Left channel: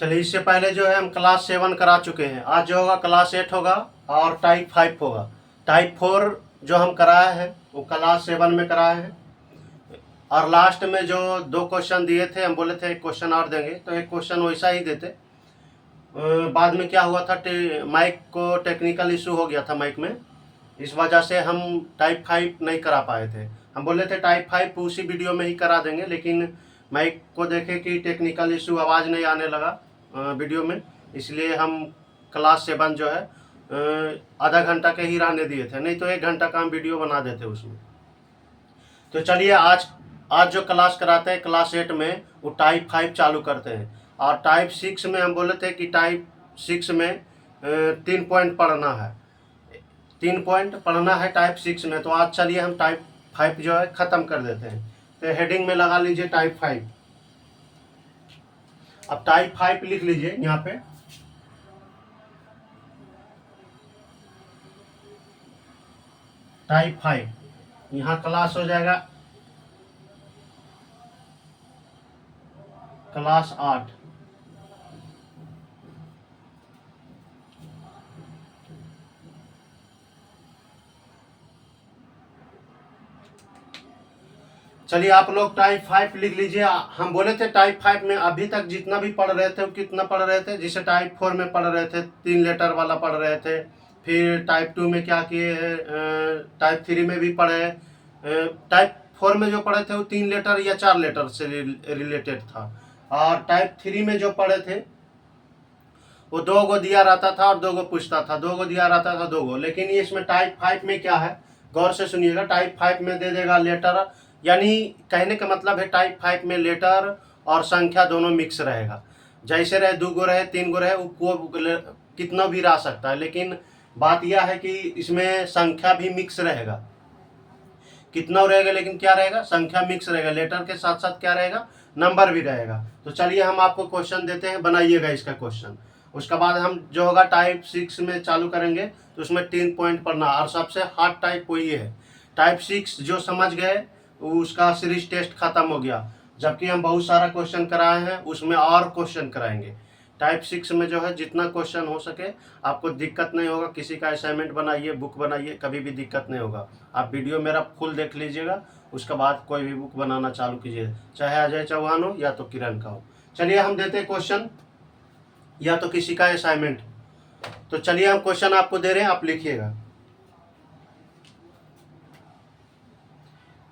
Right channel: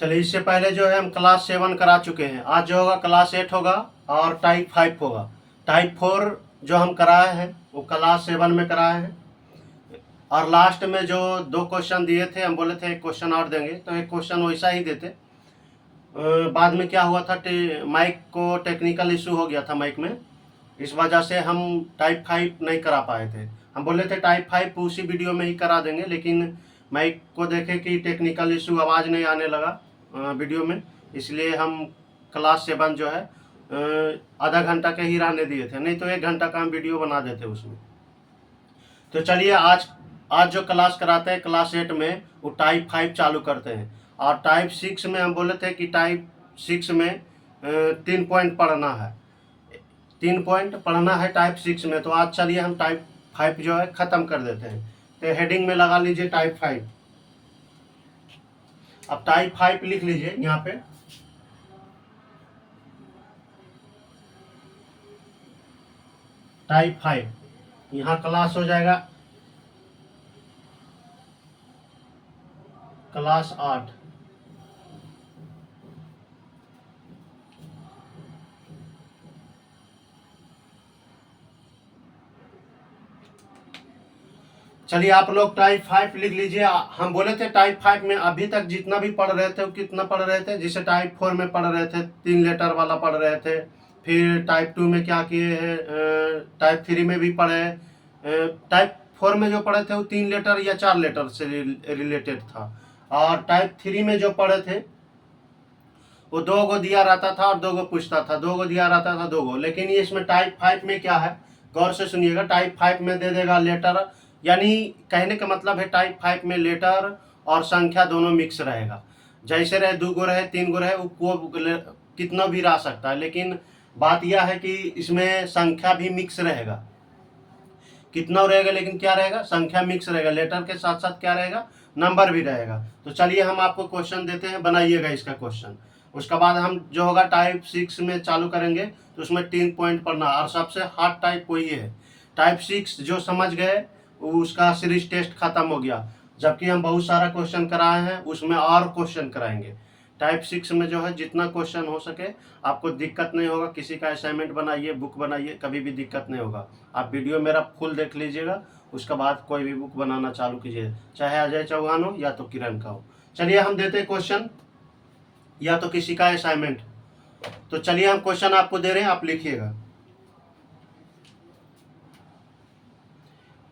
चलिए, इससे पहले जो है हम क्लास 7 करा चुके हैं। आज जो होगा क्लास 8 होगा और टाइप 5 होगा। टाइप 4 जो हम कराए हैं वो क्लास 7 में कराए हैं। और लास्ट में जो 2 क्वेश्चन दिए थे, हम बोले थे एक क्वेश्चन और देंगे, तो एक क्वेश्चन वैसा ही देते। बाद में क्या हुआ था, माइक को टेक्निकल इशू हो गया था माइक में, इस वजह से हम टाइप 5 नहीं करा पाए थे। हम बोले थे टाइप 5 उसी वीडियो में ही करा देंगे, लेकिन माइक को देखे कि टेक्निकल इशू, आवाज़ नहीं आने लगा वीडियो में, इसलिए हम क्लास 7 जो है आधा घंटा के ही रहने दिए थे, नहीं तो 1 घंटा का हम वीडियो बना देते उसमें। तो चलिए, आज जो क्लास कराते हैं क्लास 8 में, वो टाइप 5 चालू करते हैं। और टाइप 6 में हम बोले थे कि टाइप 6 में 3 पॉइंट पढ़ना है, 3 पॉइंट पढ़ना है टाइप 6 में। तो आज चलिए हम टाइप 5 जो है ख़त्म कर देते हैं। तो हेडिंग में लगा लीजिए टाइप 5। अब टाइप 5 लिख लीजिए यहाँ पे। टाइप 5 यहाँ क्लास हो जाएगा क्लास 8। चलिए, आप लोग टाइप 5 लिख लीजिए। हम बोले थे टाइप 5 में अभी तक जितना भी पढ़ रहे थे वो कितना पढ़ रहे थे, जिसे टाइप 4 में पढ़ रहे थे 3 लेटर वाला पढ़ रहे थे। फिर टाइप 2 में क्या किए हैं, टाइप 3 में भी पढ़े। टाइप 4 में जो पढ़े थे वो 3 लेटर या 4 लेटर से रिलेटेड था। और टाइप 3 में जो पढ़े थे वो 2 गो दिया रहता था और 2 गो पूछता था, 2 गो दिया रहता था 2 गो। लेकिन ये इसमें टाइप 5 में क्या है, गौर से सुनिएगा। टाइप 5 में दे देगा लेटर, यानी कहने का मतलब है टाइप 5 में लेटर और संख्या दोनों मिक्स रहेगा। जैसे रहे 2 गो रहे 3 गो रहे, वो कितना भी रह सकता है, लेकिन बात यह है कि इसमें संख्या भी मिक्स रहेगा। कितना रहेगा, लेकिन क्या रहेगा, संख्या मिक्स रहेगा। लेटर के साथ साथ क्या रहेगा, नंबर भी रहेगा। तो चलिए हम आपको क्वेश्चन देते हैं, बनाइएगा इसका क्वेश्चन। उसके बाद हम जो होगा टाइप 6 में चालू करेंगे, तो उसमें 3 पॉइंट पढ़ना, और सबसे हार्ड टाइप वही है। टाइप 6 जो समझ गए उसका सीरीज टेस्ट खत्म हो गया, जबकि हम बहुत सारा क्वेश्चन कराए हैं, उसमें और क्वेश्चन कराएंगे। टाइप 6 में जो है जितना क्वेश्चन हो सके, आपको दिक्कत नहीं होगा। किसी का असाइनमेंट बनाइए, बुक बनाइए, कभी भी दिक्कत नहीं होगा। आप वीडियो मेरा फुल देख लीजिएगा, उसके बाद कोई भी बुक बनाना चालू कीजिए, चाहे अजय चौहान हो या तो किरण का हो। चलिए हम देते हैं क्वेश्चन, या तो किसी का असाइनमेंट। तो चलिए हम क्वेश्चन आपको दे रहे हैं, आप लिखिएगा।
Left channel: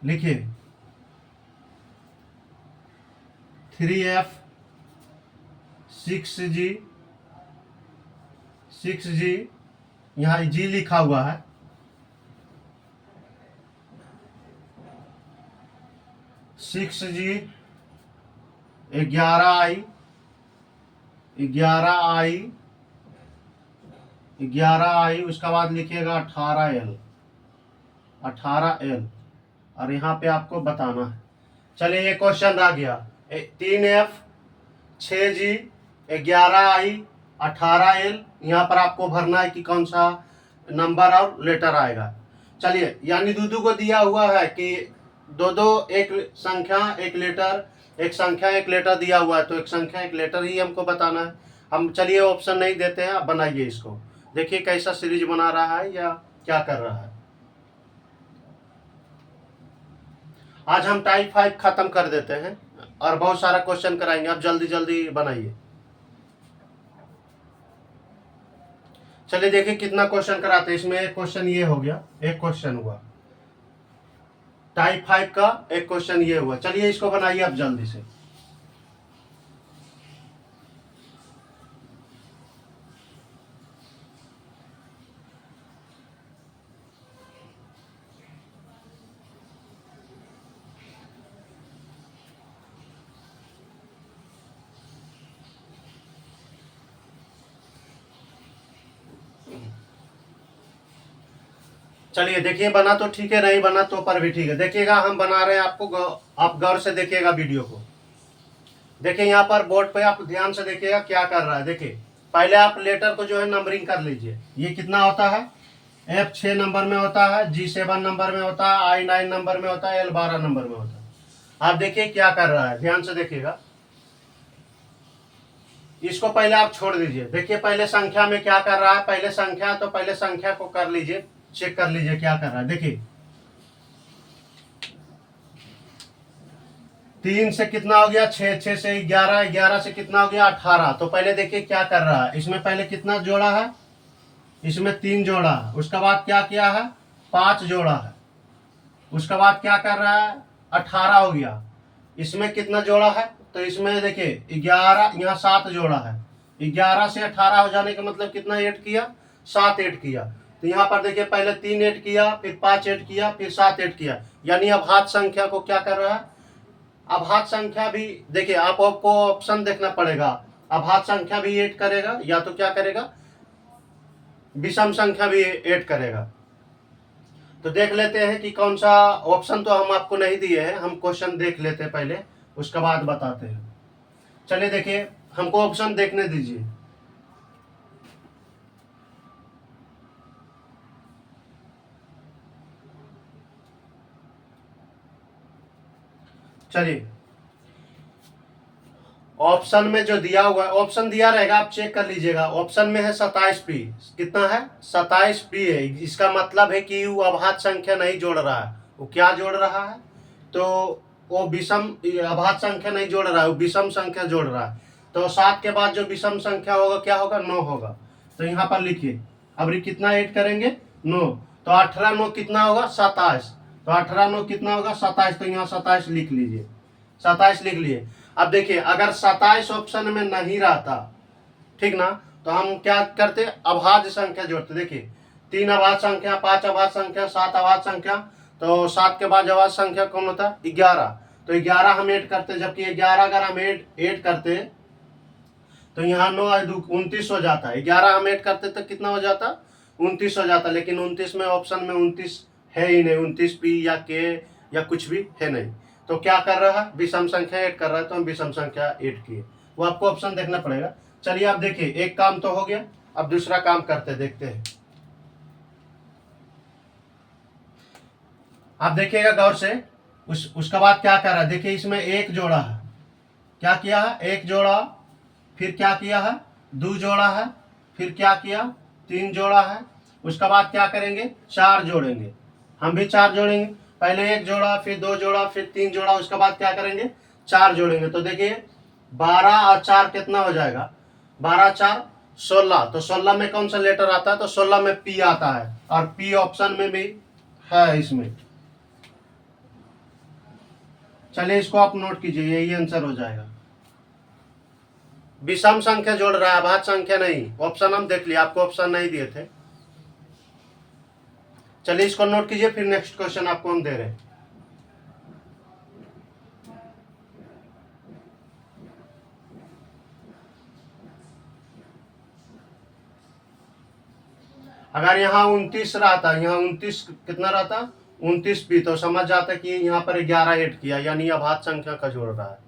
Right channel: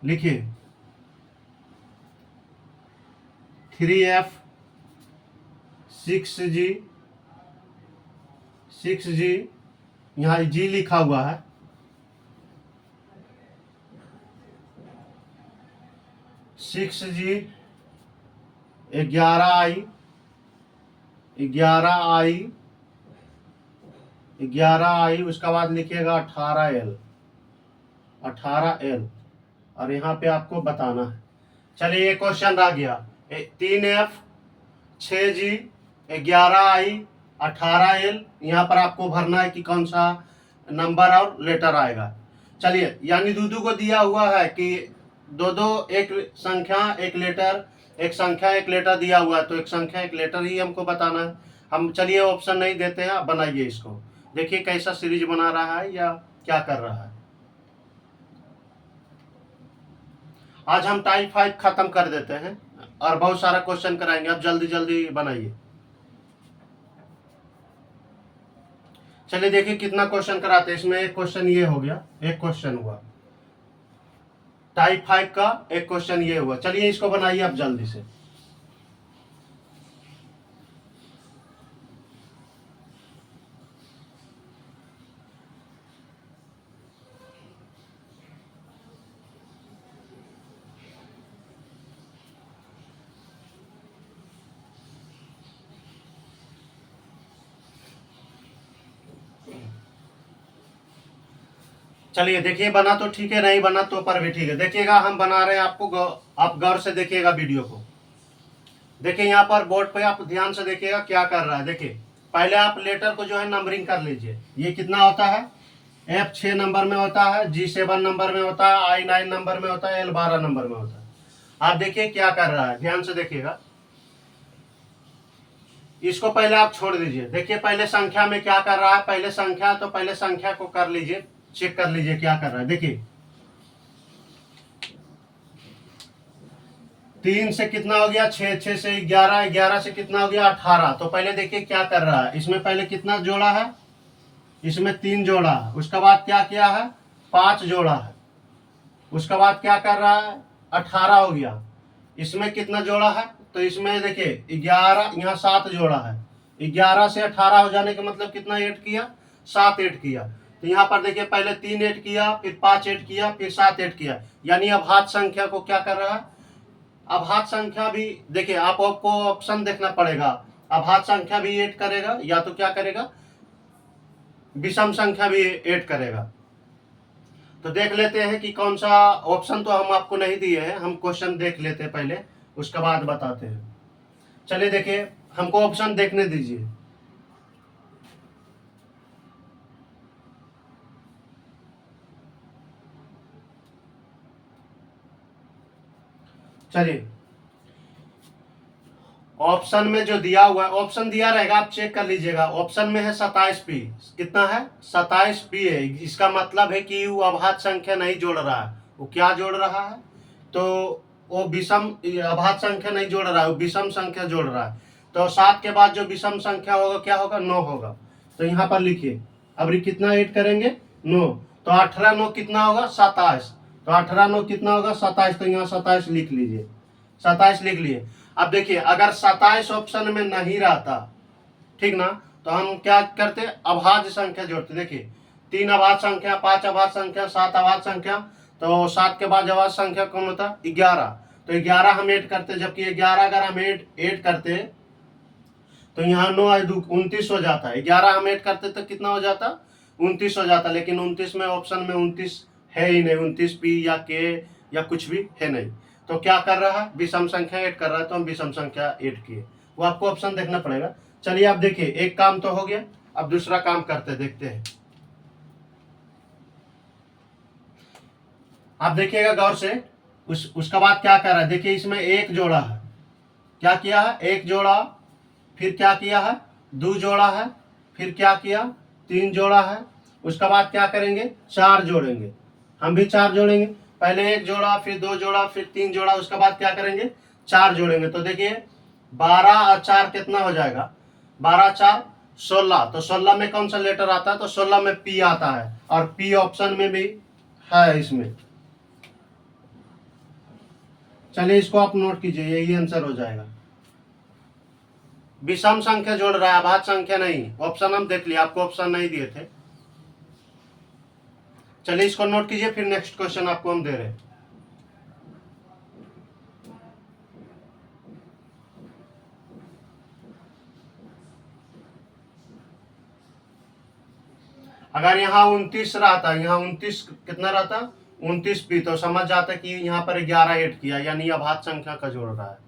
लिखिए 3F 6G 6G, यहाँ जी लिखा हुआ है। 6G 11I 11I, उसका बाद लिखिएगा 18L, और यहाँ पे आपको बताना है। चलिए ये क्वेश्चन रह गया। 3F 6G 11I 18L, यहाँ पर आपको भरना है कि कौन सा नंबर और लेटर आएगा। चलिए, यानी दो को दिया हुआ है कि दो एक संख्या एक लेटर, एक संख्या एक लेटर दिया हुआ है, तो एक संख्या एक लेटर ही हमको बताना है। हम चलिए ऑप्शन नहीं देते हैं, आप बनाइए इसको, देखिए कैसा सीरीज बना रहा है या क्या कर रहा है। आज हम टाइप 5 खत्म कर देते हैं और बहुत सारा क्वेश्चन कराएंगे। आप जल्दी जल्दी बनाइए। चलिए देखिए कितना क्वेश्चन कराते हैं। इसमें एक क्वेश्चन ये हो गया, एक क्वेश्चन हुआ टाइप 5 का, एक क्वेश्चन ये हुआ। चलिए इसको बनाइए आप जल्दी से। चलिए देखिए, बना तो ठीक है, नहीं बना तो पर भी ठीक है। देखिएगा हम बना रहे हैं, आपको आप गौर से देखिएगा वीडियो को। देखिए यहाँ पर बोर्ड पे आप ध्यान से देखिएगा क्या कर रहा है। देखिए पहले आप लेटर को जो है नंबरिंग कर लीजिए। ये कितना होता है, F 6 नंबर में होता है, G 7 नंबर में होता है, I 9 नंबर में होता है, L 12 नंबर में होता है। आप देखिए क्या कर रहा है, ध्यान से देखिएगा। इसको पहले आप छोड़ दीजिए। देखिए पहले संख्या में क्या कर रहा है, पहले संख्या, तो पहले संख्या को कर लीजिए, चेक कर लीजिए क्या कर रहा है। देखिए 3 से कितना हो गया 6, 6 से 11, 11 से कितना हो गया 18। तो पहले देखिए क्या कर रहा है, इसमें पहले कितना जोड़ा है, इसमें 3 जोड़ा है, उसके बाद क्या किया है 5 जोड़ा है, उसके बाद क्या कर रहा है 18 हो गया। इसमें कितना जोड़ा है, तो इसमें देखिए 11, यहाँ 7 जोड़ा है। 11 से 18 हो जाने का मतलब कितना ऐड किया, 7 ऐड किया। तो यहाँ पर देखिए पहले 3 ऐड किया, फिर 5 ऐड किया, फिर 7 ऐड किया, यानी अब हाथ संख्या को क्या कर रहा है, अब हाथ संख्या भी देखिए आपको ऑप्शन देखना पड़ेगा। अब हाथ संख्या भी ऐड करेगा, या तो क्या करेगा विषम संख्या भी ऐड करेगा। तो देख लेते हैं कि कौन सा ऑप्शन, तो हम आपको नहीं दिए हैं, हम क्वेश्चन देख लेते हैं पहले, उसके बाद बताते हैं। चलिए देखिए हमको ऑप्शन देखने दीजिए। चलिए ऑप्शन में जो दिया हुआ है, ऑप्शन दिया रहेगा आप चेक कर लीजिएगा। ऑप्शन में है 27p, कितना है 27p है। इसका मतलब है कि वो अभाज्य संख्या नहीं जोड़ रहा है, वो क्या जोड़ रहा है, तो वो विषम अभाज्य संख्या नहीं जोड़ रहा है, वो विषम संख्या जोड़ रहा है। तो 7 के बाद जो विषम संख्या होगा क्या होगा 9 होगा। तो यहाँ पर लिखिए अब कितना ऐड करेंगे 9, तो 18 9 कितना होगा 27, तो 18 9 कितना होगा 27, तो यहाँ 27 लिख लीजिए, 27 लिख लिए। अब देखिए अगर 27 ऑप्शन में नहीं रहता, ठीक ना, तो हम क्या करते अभाज्य संख्या जोड़ते। देखिए 3 अभाज्य संख्या, 5 अभाज्य संख्या, 7 अभाज्य संख्या, तो 7 के बाद अभाज्य संख्या कौन होता 11, तो 11 हम ऐड करते, जबकि 11 अगर हम ऐड करते तो यहाँ 9 29 हो जाता है। 11 हम ऐड करते तो कितना हो जाता 29 हो जाता, लेकिन 29 में ऑप्शन में 29 है ही नहीं, 29p या k या कुछ भी है नहीं। तो क्या कर रहा है विषम संख्या ऐड कर रहा है, तो हम विषम संख्या ऐड किए, वो आपको ऑप्शन देखना पड़ेगा। चलिए आप देखिए एक काम तो हो गया, अब दूसरा काम करते देखते हैं। आप देखिएगा गौर से, उसका बाद क्या कर रहा है, देखिए इसमें एक जोड़ा है, क्या किया है एक जोड़ा, फिर क्या किया है 2 जोड़ा है, फिर क्या किया 3 जोड़ा है, उसके बाद क्या करेंगे 4 जोड़ेंगे, हम भी 4 जोड़ेंगे। पहले 1 जोड़ा, फिर 2 जोड़ा, फिर 3 जोड़ा, उसके बाद क्या करेंगे 4 जोड़ेंगे। तो देखिए 12 और 4 कितना हो जाएगा, 12 4 16, तो 16 में कौन सा लेटर आता है, तो 16 में पी आता है, और पी ऑप्शन में भी है इसमें। चलिए इसको आप नोट कीजिए, यही आंसर हो जाएगा। विषम संख्या जोड़ रहा है, अभाज्य संख्या नहीं। ऑप्शन हम देख लिया, आपको ऑप्शन नहीं दिए थे। चलिए इसको नोट कीजिए, फिर नेक्स्ट क्वेश्चन आपको हम दे रहे हैं। अगर यहाँ 29 रहता, यहाँ 29 कितना रहता 29p, तो समझ जाता कि यहाँ पर 11 ऐड किया, यानी अभाज्य संख्या का जोड़ रहा है।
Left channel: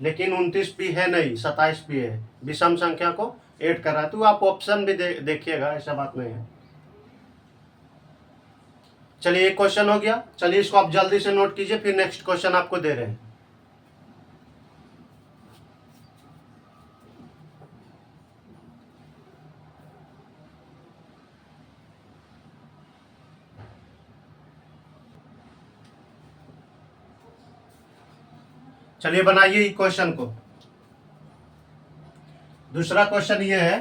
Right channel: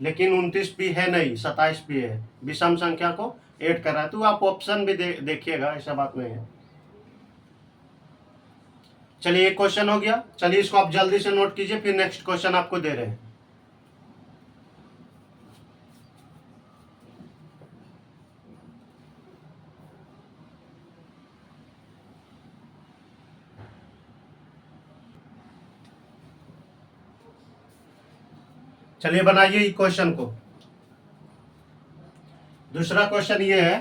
लेकिन 29p है नहीं, 27p है, विषम संख्या को ऐड कर रहा है। तो आप ऑप्शन भी देखिएगा, ऐसा बात नहीं है। चलिए एक क्वेश्चन हो गया, चलिए इसको आप जल्दी से नोट कीजिए, फिर नेक्स्ट क्वेश्चन आपको दे रहे हैं। चलिए बनाइए क्वेश्चन को। दूसरा क्वेश्चन ये है,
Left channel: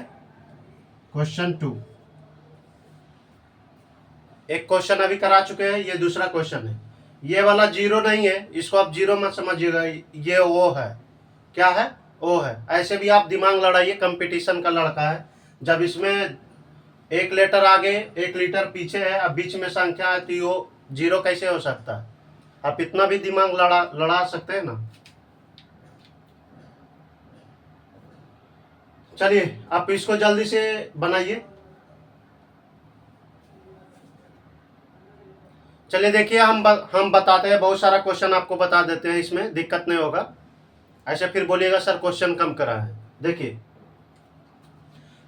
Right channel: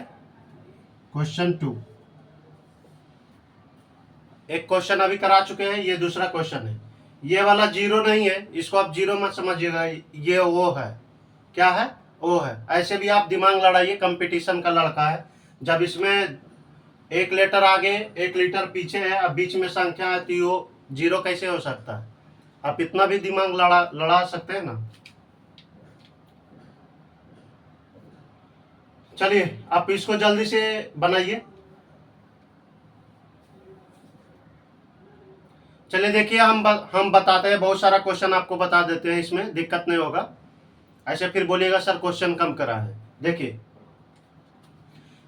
क्वेश्चन 2। एक क्वेश्चन अभी करा चुके हैं, ये दूसरा क्वेश्चन है। ये वाला 0 नहीं है, इसको आप 0 मत समझिएगा, ये ओ है। क्या है ओ है। ऐसे भी आप दिमाग लड़ाइए, कंपटीशन का लड़का है। जब इसमें एक लेटर आगे एक लीटर पीछे है, अब बीच में संख्या है, तो वो 0 कैसे हो सकता है। आप इतना भी दिमाग लड़ा सकते हैं ना। चलिए आप इसको जल्दी से बनाइए। चलिए देखिए हम बताते हैं, बहुत सारा क्वेश्चन आपको बता देते हैं, इसमें दिक्कत नहीं होगा। ऐसे फिर बोलिएगा सर क्वेश्चन कम करा है। देखिए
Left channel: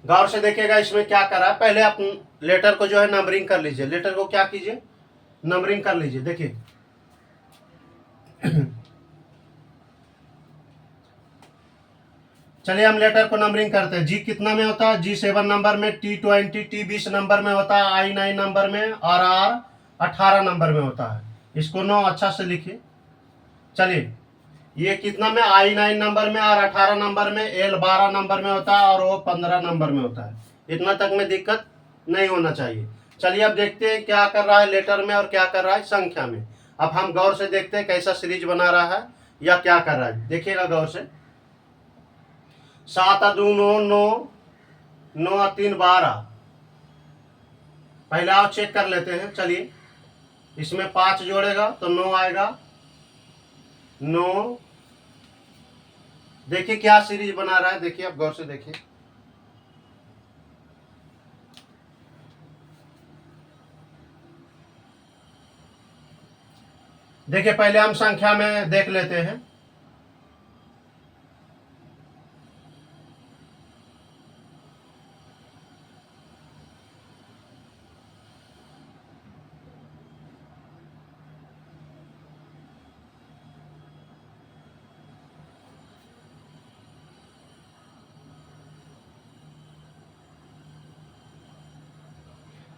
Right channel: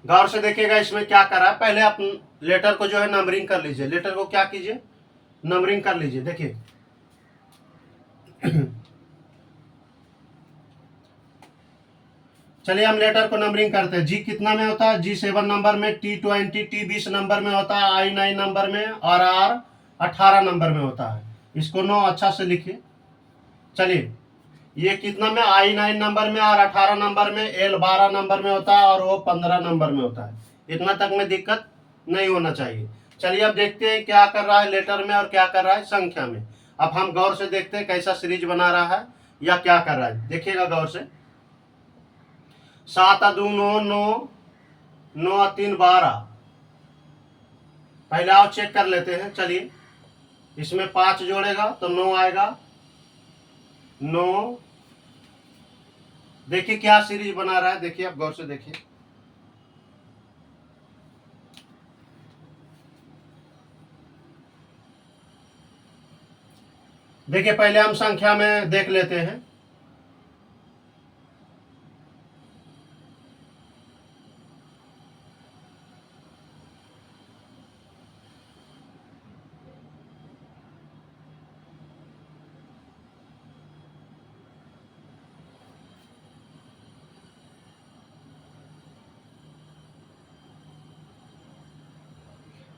गौर से देखिएगा, इसमें क्या करा है, पहले आप लेटर को जो है नंबरिंग कर लीजिए। लेटर को क्या कीजिए नंबरिंग कर लीजिए। देखिए चलिए हम लेटर को नंबरिंग करते हैं। जी कितना में होता है? G7 नंबर में, T20 T20 नंबर में होता है, I9 नंबर में और R 18 नंबर में होता है। इसको 9 अच्छा से लिखिए। चलिए ये कितना में? I9 नंबर में और 18 नंबर में, L 12 नंबर में होता है और वो 15 नंबर में होता है। इतना तक में दिक्कत नहीं होना चाहिए। चलिए अब देखते हैं क्या कर रहा है लेटर में और क्या कर रहा है संख्या में। अब हम गौर से देखते हैं कैसा सीरीज बना रहा है या क्या कर रहा है। देखिएगा गौर से। 7 2 9 9 9 3 12। पहले आओ चेक कर लेते हैं। चलिए इसमें 5 जोड़ेगा तो 9 आएगा। 9। देखिए क्या सीरीज बना रहा है, देखिए आप गौर से देखिए। देखिए पहले हम संख्या में देख लेते हैं।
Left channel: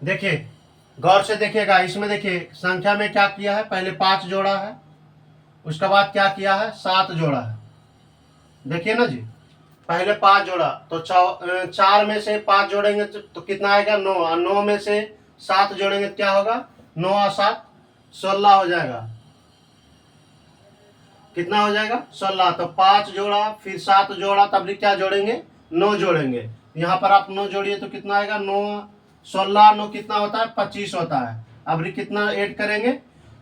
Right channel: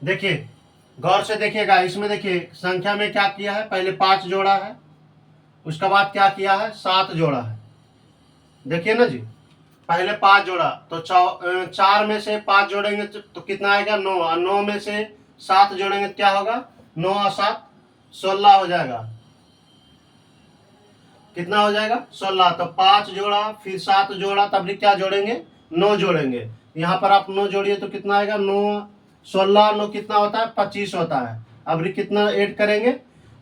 देखिए गौर से देखिएगा। इसमें देखिए संख्या में क्या किया है, पहले 5 जोड़ा है, उसके बाद क्या किया है, 7 जोड़ा है। देखिए ना जी, पहले 5 जोड़ा तो 4 में से 5 जोड़ेंगे तो कितना आएगा? 9। और 9 में से 7 जोड़ेंगे क्या होगा? 9 और 7 16 हो जाएगा। कितना हो जाएगा? 16। तो 5 जोड़ा फिर 7 जोड़ा तब भी क्या जोड़ेंगे? 9 जोड़ेंगे। यहाँ पर आप 9 जोड़िए तो कितना आएगा? 9 16 9 कितना होता है? 25 होता है। अब कितना ऐड करेंगे?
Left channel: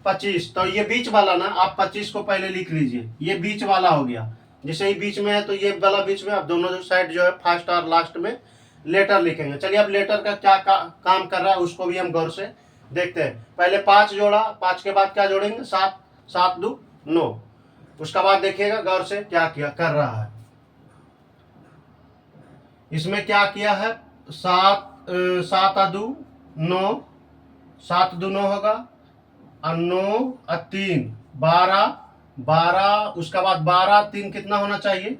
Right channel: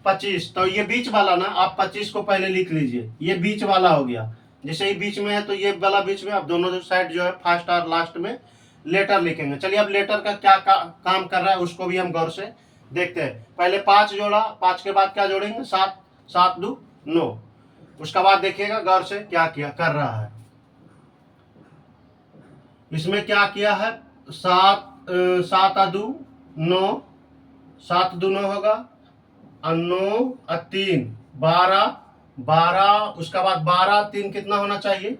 25। तो ये बीच वाला ना, आप 25 को पहले लिख लीजिए। ये बीच वाला हो गया। जैसे ही बीच में है तो ये वाला बीच में, अब दोनों जो साइड जो है फर्स्ट और लास्ट में लेटर लिखेंगे। चलिए अब लेटर का क्या काम कर रहा है उसको भी हम गौर से देखते हैं। पहले 5 जोड़ा, 5 के बाद क्या जोड़ेंगे? 7। 7 2 9। उसका बाद देखिएगा गौर से क्या किया कर रहा है। इसमें क्या किया है? 7 7 2 9। 7 2 9 होगा और 9 और 3 12। 12 उसका बाद 12 3 कितना होना चाहिए?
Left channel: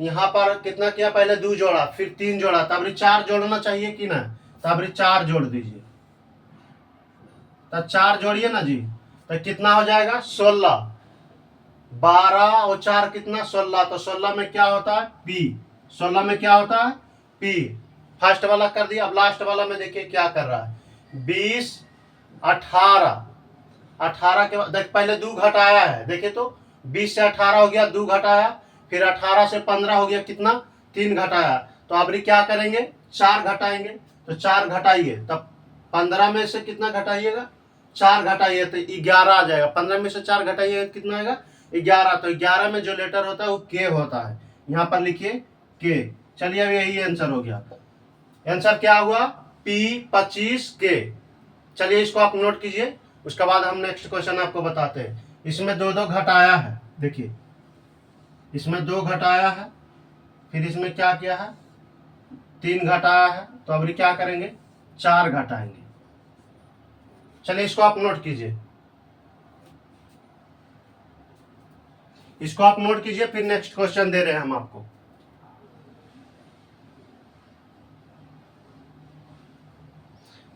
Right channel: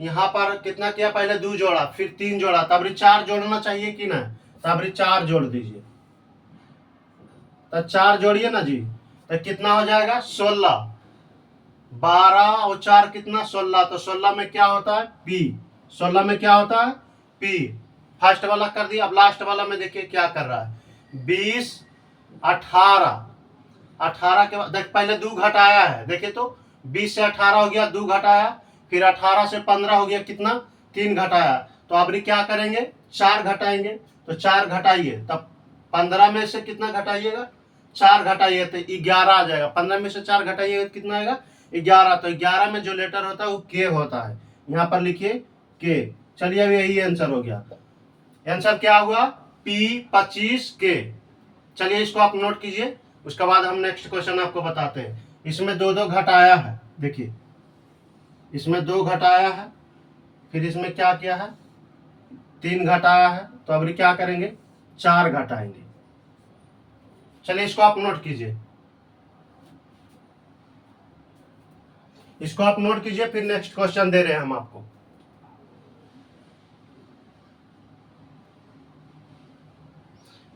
यहाँ पर कितना किया? पहले 2 जोड़ा फिर 3 जोड़ा, तब 4 जोड़ना चाहिए कि ना? तब 4 जोड़ दीजिए। तब 4 जोड़िए ना जी, तो कितना हो जाएगा? 16। 12 और 4 कितना? 16। तो 16 में क्या होता है? पी। 16 में क्या होता है? पी। फर्स्ट वाला कर दिया। अब लास्ट वाला में देखिए क्या कर रहा है। 20 18। 18 के बाद देख पहले 2 घटाया है। देखिए तो 20 से 18 हो गया, 2 घटाया, फिर 18 से 15 हो गया, कितना? 3 घटाया। तो अब क्या करेंगे? 4 घटाएंगे। तो 4 घटाइए, तब 15 में से कितना घटाइएगा? 4 घटाइए तो 11 आ जाएगा। 15 में से 4 घटाइएगा कितना आएगा? 11। तो 11 में जो लेटर होता है वो के होता है। यहाँ पर लिखिए के। चलिए अब यही आंसर हो गया। आंसर क्या हुआ? P25K। चलिए इसको आप नोट कीजिए। उसके बाद हम नेक्स्ट क्वेश्चन आपको बताते हैं। इसमें 2 2 घटाया है। देखिए इसमें 2 घटाया है, फिर इसमें क्या किया है? 3 घटाया है। तो अब क्या करेंगे? 4 घटाएंगे। चलिए इसको आप नोट कीजिए। इसको आप नोट कीजिए, फिर नेक्स्ट क्वेश्चन दे रहे हैं हम आपको।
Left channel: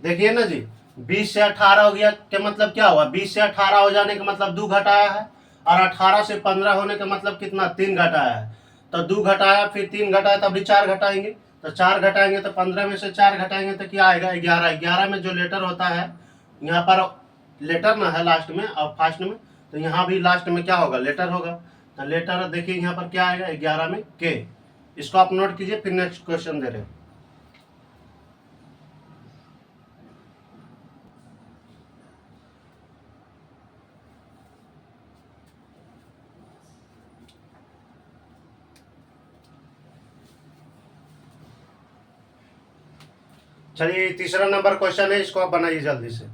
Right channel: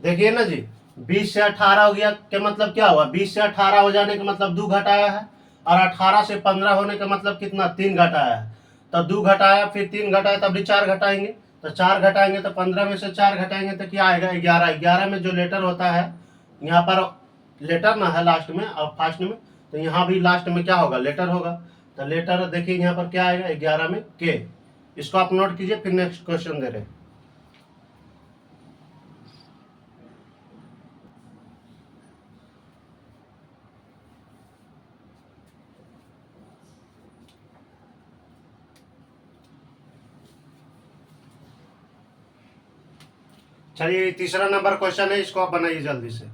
देखिए ना जी, 20 से 18 हो गया क्या मतलब क्या हुआ? 20 से 18 हो जाने का मतलब 2 घटाया है, और 18 से 15 होने का मतलब कितना? 3 घटाया है। तो 2 घटाया फिर 3 घटाया, तब भी 4 घटाएंगे। तो 4 घटाएंगे तो 15 में से 4 घटाएंगे तो क्या आएगा? 11। 11 में जो लेटर होता है, यहाँ पर लेटर ना है लास्ट में और फर्स्ट में, तो यहाँ भी लास्ट में क्या होगा? लेटर होगा। तो लेटर देखिए यहाँ पर क्या आएगा? 11 में के। इसको आप नोट कीजिए, फिर नेक्स्ट क्वेश्चन दे रहे हैं। चलिए तीसरा नंबर क्वेश्चन है, इसको आप बनाइए जल्दी से।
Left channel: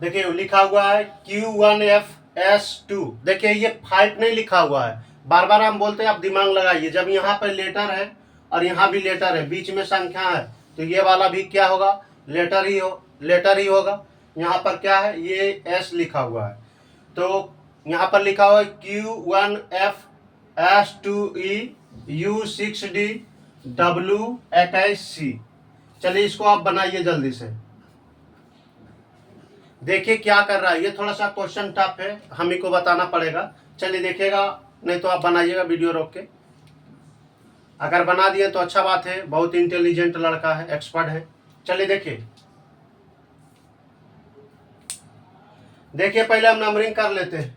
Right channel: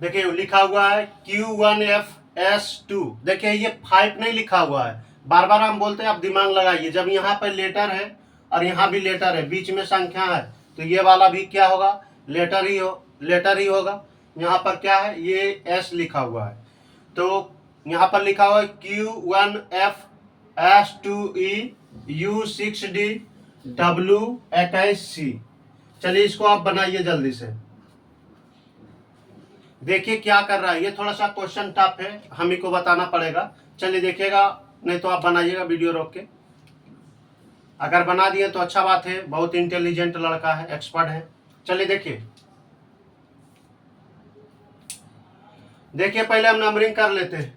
देखिए लिखा हुआ है Q1FS2। देखिए ये 5 नहीं लिखा हुआ है। बार बार हम बोलते हैं, आप दिमाग लगाइए। जब यहाँ पर लेटर है और यहाँ भी लेटर है, बीच में संख्या है, तो ये वाला भी क्या होगा? लेटर ही होगा। यहाँ पर क्या है? ये S लिखा हुआ है। तो यहाँ पर लिखा हुआ है Q1F S2E U6D W21C। चलिए इसको आप बनाइए जल्दी से, देखिए क्या कर रहा है। ये थोड़ा सा क्वेश्चन टफ है, हम ही को बताना पड़ेगा। चलिए देखिएगा, नहीं तो आप बनाइएगा वीडियो रोक के। अगर बना दिए तो अच्छा बात है, बहुत इंटेलिजेंट लड़का है, एक्सपर्ट है। चलिए देखिए, पहले हम नंबरिंग कर लेते हैं।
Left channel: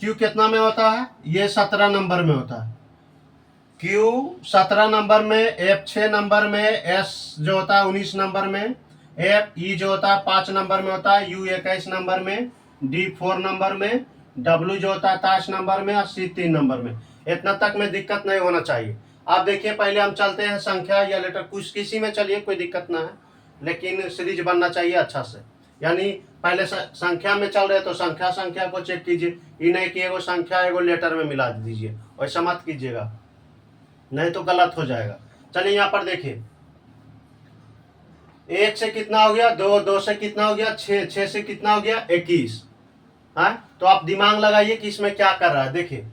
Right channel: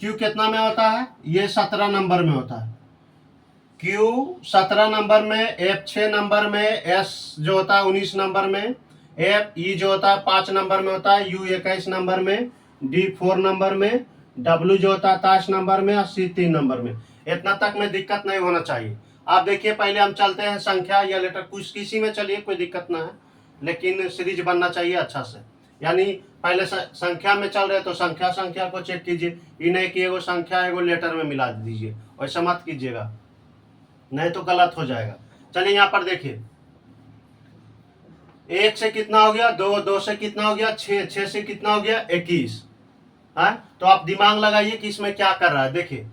क्यू कितना में होता है? ये 17 नंबर में होता है। क्यू 17 नंबर में, एफ 6 नंबर में, एस जो होता है 19 नंबर में, एफ ई जो होता है 5 नंबर में होता है, यू 21 नंबर में, डी 4 नंबर में, डब्ल्यू जो होता है 23 नंबर में और सी 3 नंबर में। इतना तक में दिक्कत नहीं होना चाहिए। आप देखिए, पहले हम चलते हैं संख्या या लेटर, कुछ किसी में चलिए, कोई दिक्कत ना है, लेकिन सीरीज बनना चाहिए अच्छा से। यानी पहले संख्या में चल रहे तो संख्या को चेक कीजिए, ये नहीं कि एगो संख्या एगो लेटर में मिला दीजिए, वैसा मत कीजिएगा, नहीं तो गलत हो जाएगा। चलिए यहाँ पर देखिए, 1 से कितना हो गया? 2, 2 से कितना हो गया? 6, 6 से कितना हो गया? 21। हाँ, तो आप दिमाग लगाइए कि इसमें क्या कर रहा है। देखिए,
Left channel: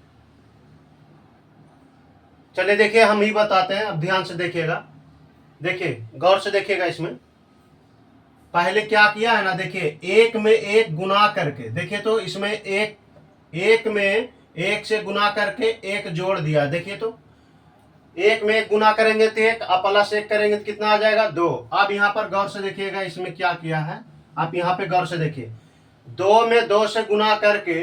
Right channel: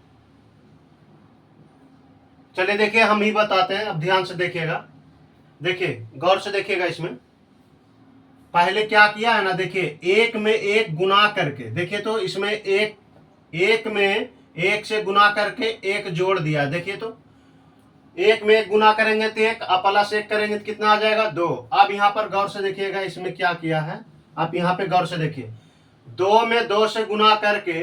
चलिए देखिए, हम ही बताते हैं, अब ध्यान से देखिएगा, देखिए गौर से देखिएगा। इसमें पहले क्या किया है ना, देखिए 1 में 1 गुना करके, देखिए तो इसमें एक में 1 से गुना करके 1 जोड़ दिया। देखिए तो 1 में 1 गुना करेंगे तो 1, आप प्लस 1 करेंगे तो कितना आ जाएगा? 2। अब यहाँ पर गौर से देखिएगा, इसमें क्या किया है, आप यहाँ पे गौर से देखिए, 2 में 2 से गुना करके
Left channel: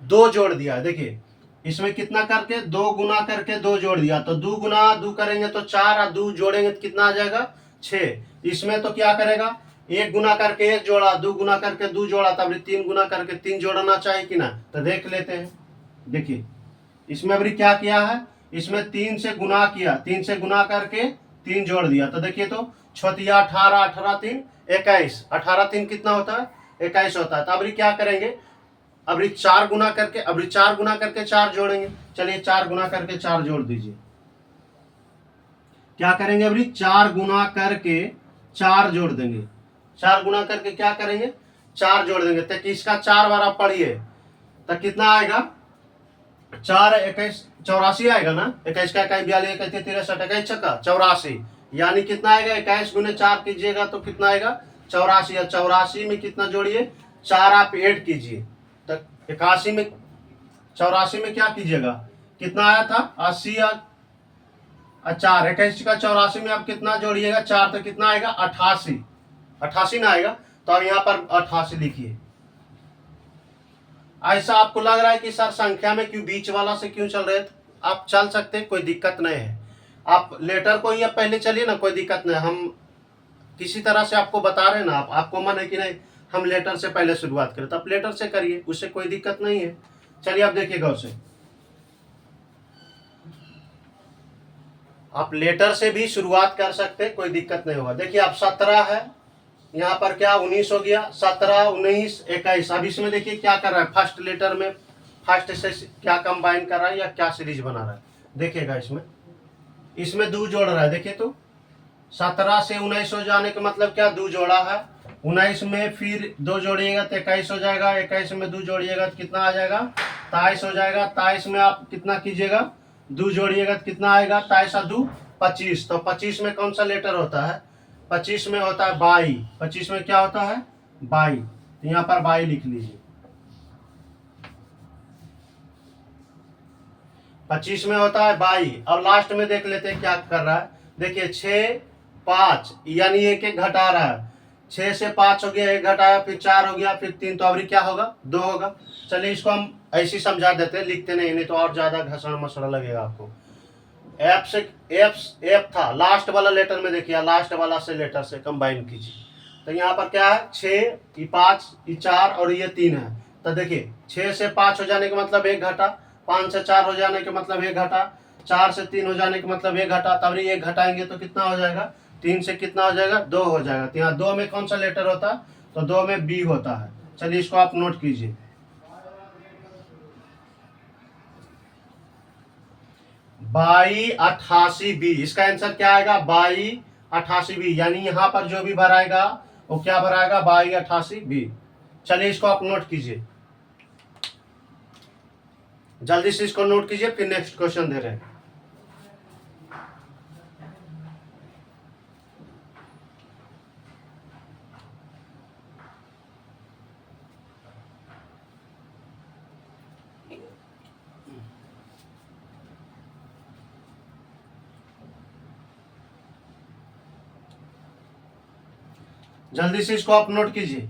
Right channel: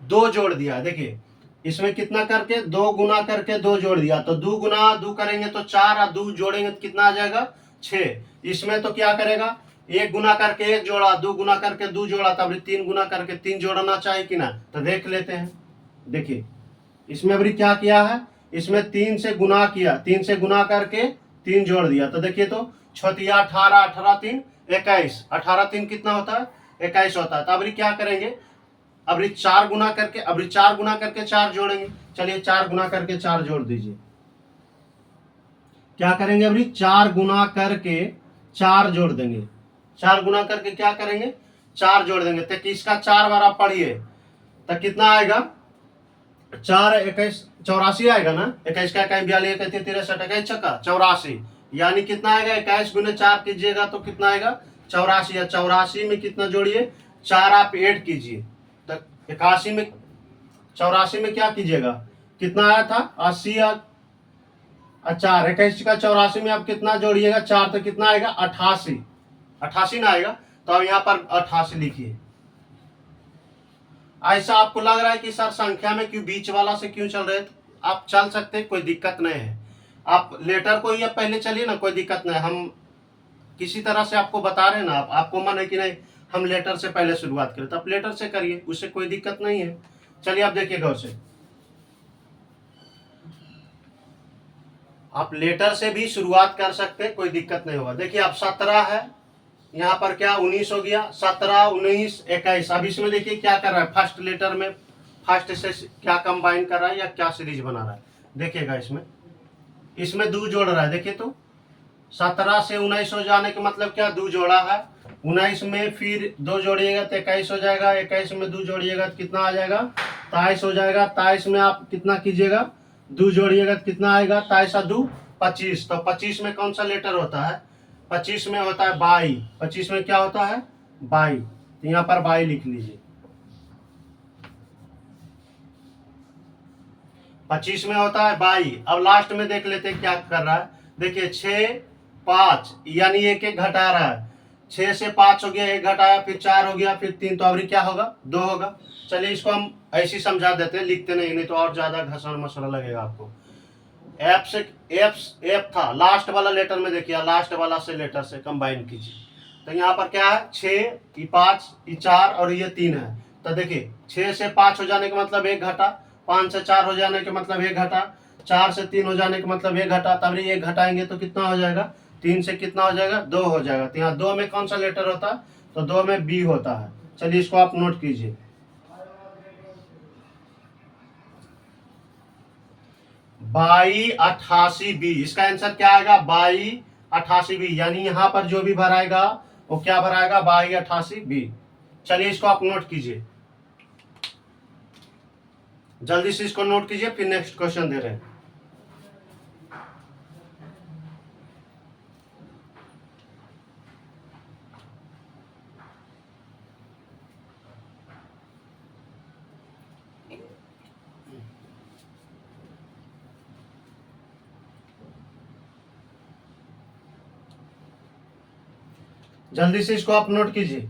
2 जोड़ दिया। देखिए इसमें कितना करके? 2 गुना करके 2 जोड़ दिया, तो 2 गुना 2 करेंगे तो 4, और 2 जोड़ेंगे तो कितना आ जाएगा? 6। इसमें तो क्या करेगा? 1 गुना करके 1 जोड़ा, 2 गुना करके 2 जोड़ा, तब 3 गुना करके 3 जोड़ना चाहिए कि ना? तो देख लेते हैं। देखिए इसमें अभी क्या किया है, इसमें 3 से गुना किया, 3 से गुना करके 3 जोड़ दिया, तो देखिए तो 6 18, 18 3 21, 18 3 कितना होता है? 21 होता है। तो अभी क्या करेंगे, अभी 4 गुना करके, अभी 4 गुना करके 4 जोड़ेंगे। चलिए 4 गुना करके 4 जोड़ दीजिए। क्या करेंगे, अभी 4 गुना करके 4 जोड़ देंगे। 4 गुना करके क्या करेंगे? 4 जोड़ देंगे, तो इसका 4 बार आप पढ़िए तो कितना आएगा? 4 21 84 आएगा ना। 21 का 41 42 31 63 21 छक्का 84, यानी कितना आएगा? 21 गुने 4 कीजिएगा तो कितना आएगा? 84। या 84 में कितना जोड़िए? 4 आप ऐड कीजिए, तो 81 में 84 में क्या कीजिएगा? कितना आया था? 80 और 4, 21 का 84 में आप कितना जोड़िएगा? 4, तो कितना आएगा? 88। 88 ना आएगा, तो अब यहाँ पर 88 लिखिए। ऐसा आपको लग रहा है कि सर संख्या में क्यों बीच वाला से क्यों चल रहे थे? आप चल सकते हैं, कोई दिक्कत नहीं है। आप लेटर को ही पहले चलिए ना, कोई दिक्कत नहीं। हम किसी तरह से आपको बता रहे हैं ना, आपको मन है कि नहीं हम लेटर से पहले शुरुआत करें, तो आप लेटर से करिए, उससे कोई दिक्कत नहीं है। चलिए आप देखिए गौर से, आप लेटर से भी शुरुआत कर सकते हैं, कोई दिक्कत नहीं होगा। देखिए अब 17 है, यहाँ पर क्या 19 हो गया, 17 19 21। अब इसमें देखिए क्या कर रहा है, फर्स्ट लेटर में फर्स्ट से क्या कंबाइन कर रहा है या क्या सीरीज बना रहा है। देखिएगा इसमें 2 जोड़ रहा है। देखिए तो 17 से 19 हो जाने का मतलब क्या? 2 जोड़ा है। 19 में फिर 2 जोड़िएगा तो 21 हो जाएगा। 21 में 2 जोड़िएगा तो कितना आ जाएगा? 23 हो जाएगा। 23 में आप कितना कीजिएगा? 2 जोड़िएगा तो कितना आएगा? 23 और 2 25। तो 25 में कौन सा लेटर होता है? 25 में होता है 22। 25 में क्या होता है? 22। तो यहाँ पर 22 लिख लीजिए। 25 में होता है 22। अब लास्ट में देख लेते हैं क्या कर रहा है। देखिए 6 5, यानी एक एक घटा रहा है। 6 से 5 हो गया, एक घटाया, फिर 4 हो गया, फिर 3, तो अभी क्या होगा? 2 होगा। चलिए इसको हम ऐसे ही समझा देते हैं, लिखते नहीं तो और ज्यादा घसड़ मसड़ लगेगा आपको। एफ से एफ था लास्ट वाला लेटर में, देखिए लास्ट वाला से लेटर से कंबाइन कीजिए। तो यहाँ पर क्या है? 6 ये 5 ये 4 और ये 3 है। तो देखिए 6 से 5 हो जाने का मतलब 1 घटा, 5 से 4 हो जाने का मतलब 1 घटा, 4 से 3 हो जाने का मतलब 1 घटा, तब 1 घटाएंगे तो कितना हो जाएगा? 3 से कितना हो जाएगा? 2 हो जाएगा। तो यहाँ 2 में कौन सा लेटर होता है? तो 2 में बी होता है। चलिए इसको आप नोट कीजिए। 22 88 बी, इसका आंसर क्या आएगा? 22 88 बी, यानी यहाँ पर जो भी भराएगा वो क्या भराएगा? 22 88 बी। चलिए इसको आप नोट कीजिए। जल्दी से इसको नोट कीजिए, फिर नेक्स्ट क्वेश्चन दे रहे हैं। जल्दी से इसको आप नोट कीजिए।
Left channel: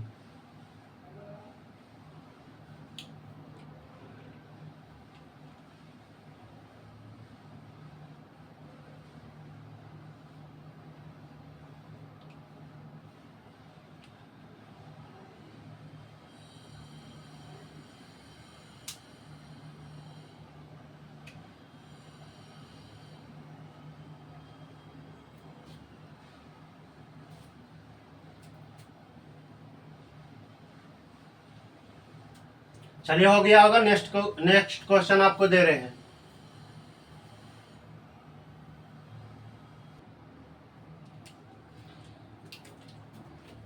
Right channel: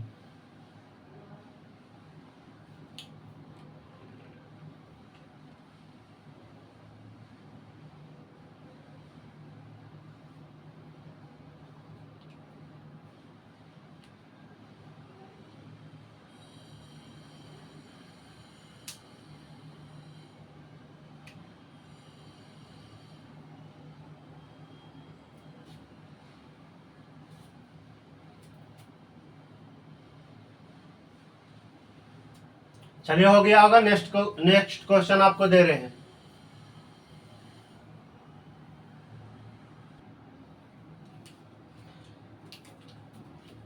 चलिए, हो गया होगा। नेक्स्ट क्वेश्चन आपको दे रहे हैं।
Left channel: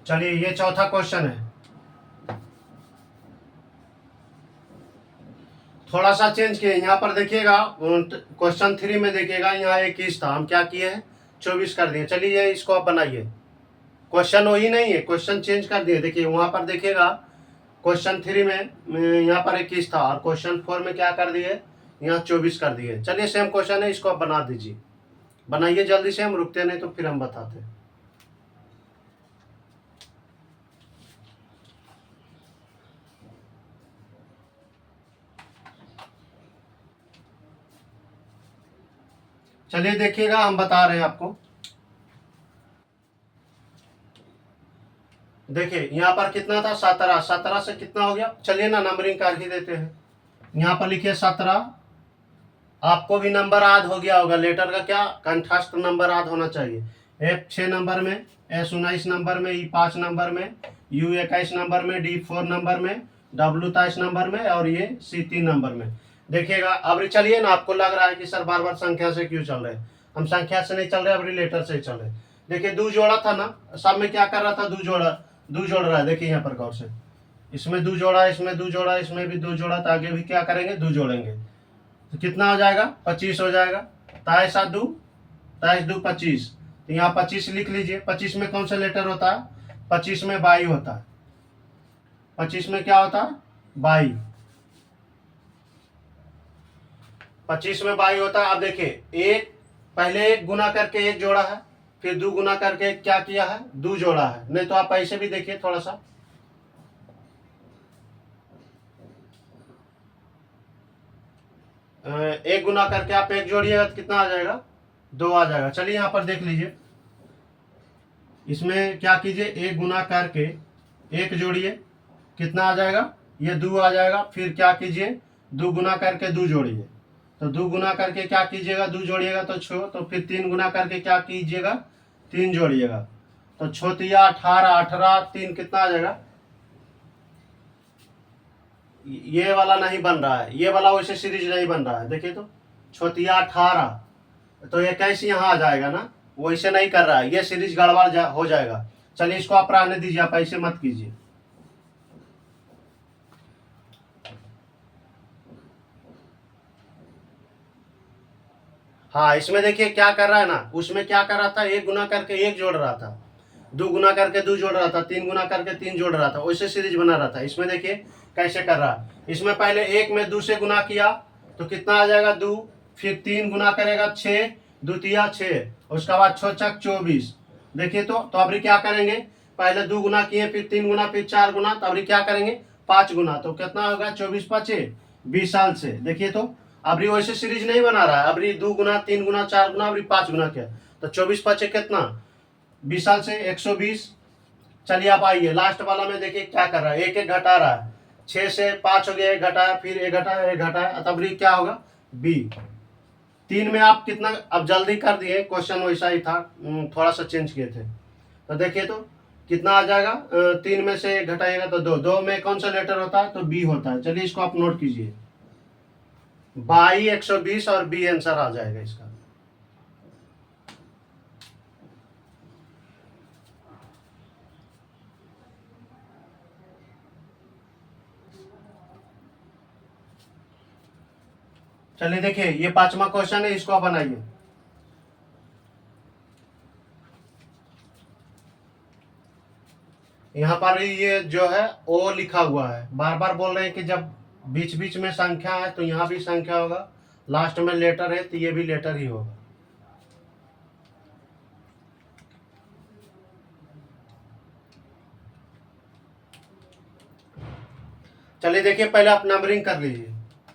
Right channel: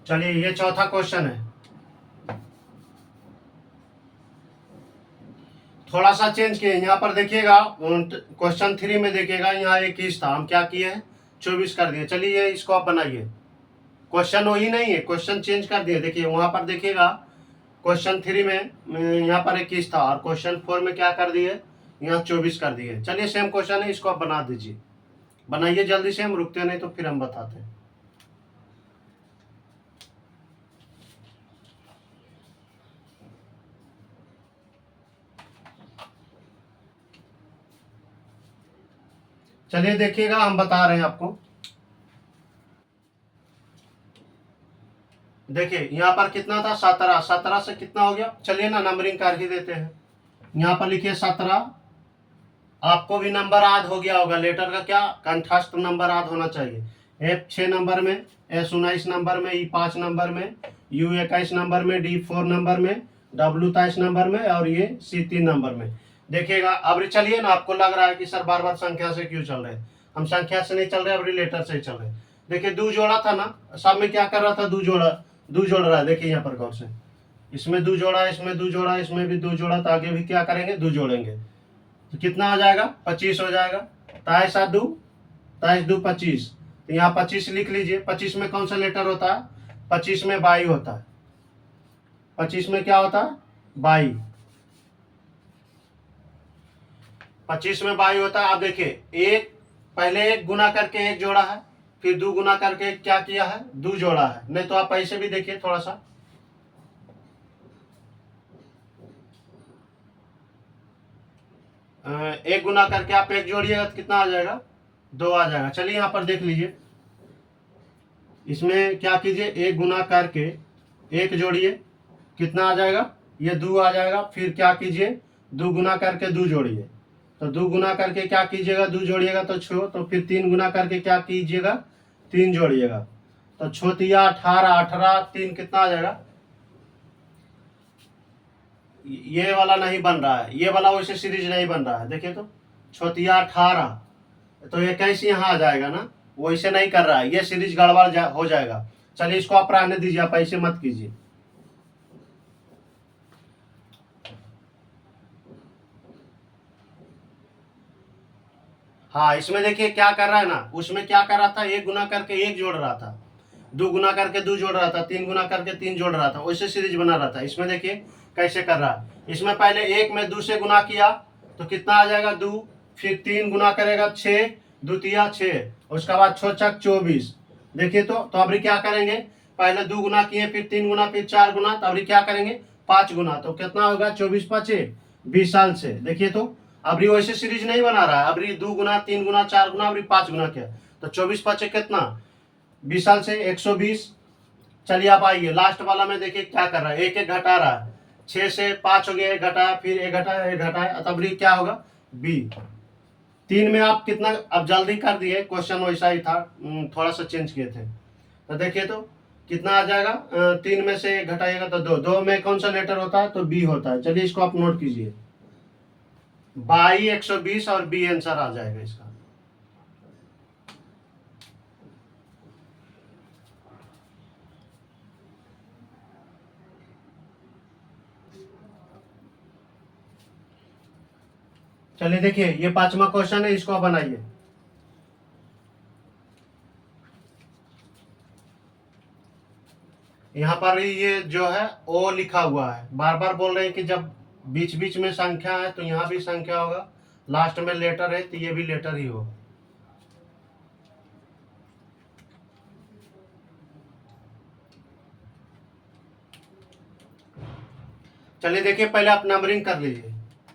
चलिए, ये चौथा क्वेश्चन है। थोड़ा सा चेंज किए, यहाँ पर देखिएगा क्वेश्चन 3 में देखिएगा, यहाँ 21 था, हम क्या किए हैं 24 कर दिए। चलिए इसको आप बनाइए। क्वेश्चन वही नहीं है, क्वेश्चन चेंज कर दिए। देखिए वहां पर देखिएगा क्वेश्चन 3 में यहाँ पर 21 था, और क्वेश्चन 4 में क्या कर दिए, यहाँ 24 कर दिए। चलिए सेम क्वेश्चन है, इसको आप बना दीजिए। बनाइए जल्दी से, हम रुकते नहीं तो फिर हम बताते हैं। चलिए देखिएगा, हम बता रहे हैं आपको। देखिए यहाँ पर कितना था 17, 17 से कितना हो गया। चलिए ना नंबरिंग कर ही देते हैं। यहाँ पर लिखिए 17। आपको भी नंबर याद हो गया होगा, लेटर का क्या कंठस्थ नंबर याद होना चाहिए। एफ 6 नंबर में, एस 19 नंबर में, ई 5 नंबर में, यू 21 नंबर में, डी 4 नंबर में, डब्ल्यू 23 नंबर में, और ये सी 3 नंबर में। देखिएगा अब चलिए ना, आपको लग रहा है कि सर बार बार संख्या से क्यों चल रहे हैं। हम संख्या से नहीं चल रहे, अब लेटर से चल रहे। देखिए दो जोड़ा था ना, सब में क्या कर रहा था, दो जोड़ा, दो जोड़ रहा है। देखिए यहाँ पर गौर से, इसमें दो जोड़ा, इसमें दो जोड़ा, इसमें भी दो जोड़ा, तो आगे भी क्या करेंगे, दो जोड़ेंगे। तो कितना हो जाएगा, 25 हो जाएगा। 23 दो, 25। तो यहाँ 25 लिख लीजिए। 25 में कौन सा लेटर होता है, 25 में बाई होता है। 25 में क्या होता है, बाई। 25 में बाई होता है। अब देखिए, एक पहले एक गुना करके एक जोड़ा है, फिर दो गुना करके क्या किया है, दो जोड़ा है। नहीं तो आप ऐसे भी देखिए थोड़ा सा, एक गुना करके आप एक जोड़िएगा तो कितना आ जाएगा, दो आ जाएगा। चलिए यहाँ पर देख लीजिए, इसमें क्या कीजिए, एक गुना करके एक जोड़िए, कितना आ जाएगा, ये दो आ जाएगा। फिर क्या कीजिए, दो गुना करके दो जोड़िए, तो दो गुना करके क्या कीजिएगा, दो जोड़िएगा तो छो। तो फिर तीन गुना करके क्या कीजिएगा, तीन जोड़िएगा, तो छोतिया 18, 18 तीन कितना आ जाएगा। ये वाला नहीं बन रहा है, ये वाला वैसे सीरीज नहीं बन रहा है। देखिए तो छोतिया 18, तो ये कैसे यहाँ आ जाएगा ना, वैसे नहीं कर रहा है, ये सीरीज गड़बड़ हो जाएगा। चलिए इसको आप रहने दीजिए, आप ऐसे मत कीजिए। हाँ, इसमें देखिए क्या कर रहा है ना, उसमें क्या कर रहा था, एक गुना करके एक जोड़ रहा था, दो गुना करके दो जोड़ रहा था, तीन गुना करके तीन जोड़ रहा था, वैसे सीरीज बना रहा था। इसमें देखिए कैसे कर रहा है। इसमें पहले एक में दो से गुना किया तो कितना आ जाएगा, दो। फिर तीन गुना करेगा 6, द्वितीया 6, उसके बाद 6 छक 24। देखिए तो अभी क्या करेंगे, पहले दो गुना किए, फिर तीन गुना, फिर चार गुना, तो अभी क्या करेंगे, 5 गुना। तो कितना होगा, 24 5 20 साल से। देखिए तो अभी वैसे सीरीज नहीं बना रहा है, अभी दो गुना, तीन गुना, चार गुना, अभी 5 गुना किया, तो 24 5 कितना, 20 साल से 120। चलिए आप आइए लास्ट वाला में, देखिए क्या कर रहा है, एक एक घटा रहा है। 6 से 5 हो गया, एक घटाया, फिर एक घटाया, एक घटाया, तब क्या होगा, बी। तीन में आप कितना, अब जल्दी कर दिए, क्वेश्चन वैसा ही था, थोड़ा सा चेंज किए थे। तो देखिए तो कितना आ जाएगा, तीन में से एक घटाइएगा तो दो, दो में कौन सा लेटर होता है, तो बी होता है। चलिए इसको आप नोट कीजिए, 22 120, और बी आंसर आ जाएगा इसका। चलिए देखिए, ये 5वां क्वेश्चन है, इसको आप बनाइए। यहाँ पर ये जो है ओ लिखा हुआ है, बार बार बोल रहे हैं कि जब बीच बीच में संख्या है तो यहाँ भी संख्या होगा, लास्ट में लेटर है तो ये भी लेटर ही होगा। चलिए देखिए, पहले आप नंबरिंग कर लीजिए।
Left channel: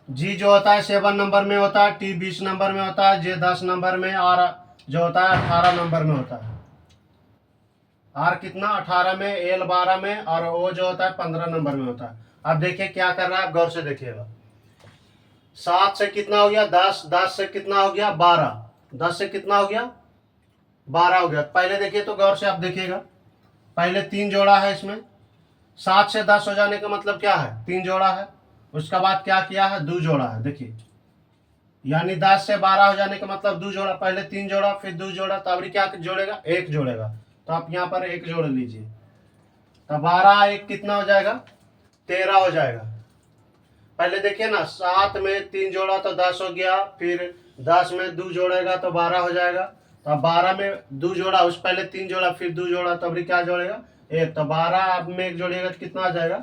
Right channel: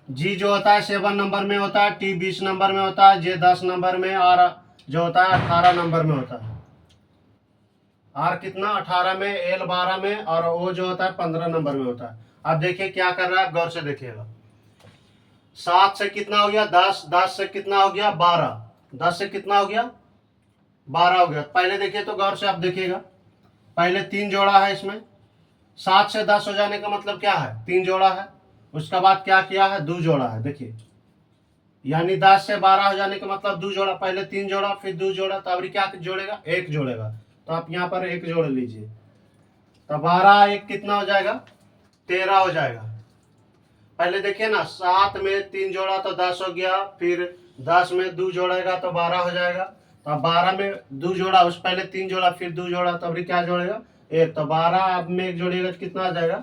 जी जो होता है 7 नंबर में होता है, टी 20 नंबर में होता है, जे 10 नंबर में, और जो होता है 18 नंबर में होता है। आर कितना 18 में, एल 12 में, और ओ जो होता है 15 नंबर में होता है। अब देखिए क्या कर रहा है, गौर से देखिएगा। 7 से कितना हो गया 10, 10 से कितना हो गया 12, 10 से कितना हो गया 12 हो गया। पहले देखिए तो गौर से आप देखिएगा, पहले 3 जोड़ा है इसमें, 7 से 10 हो जाने का मतलब क्या है 3 जोड़ा है। उसके बाद क्या किया है 2 जोड़ा है, देखिए, यानी 10 से 12 हो जाने का मतलब 2 जोड़ा, पहले 3 जोड़ा फिर 2 जोड़ा, तो अभी क्या जोड़ेगा 1 जोड़ेगा। तो आप यहाँ पर 1 जोड़ लीजिए, तो 12 1 कितना हो जाएगा 13 हो जाएगा। पहले देखिए ना, 7 में 3 जोड़ा तो 10 हो गया, फिर 10 में 2 जोड़ेगा तो 12 हो जाएगा। तो अब 12 में 2 जोड़ा, उस पहले 3 जोड़ा फिर 2 जोड़ा, तो अभी क्या जोड़ेगा 1, तो 12 में 1 जोड़ेगा तो कितना आ जाएगा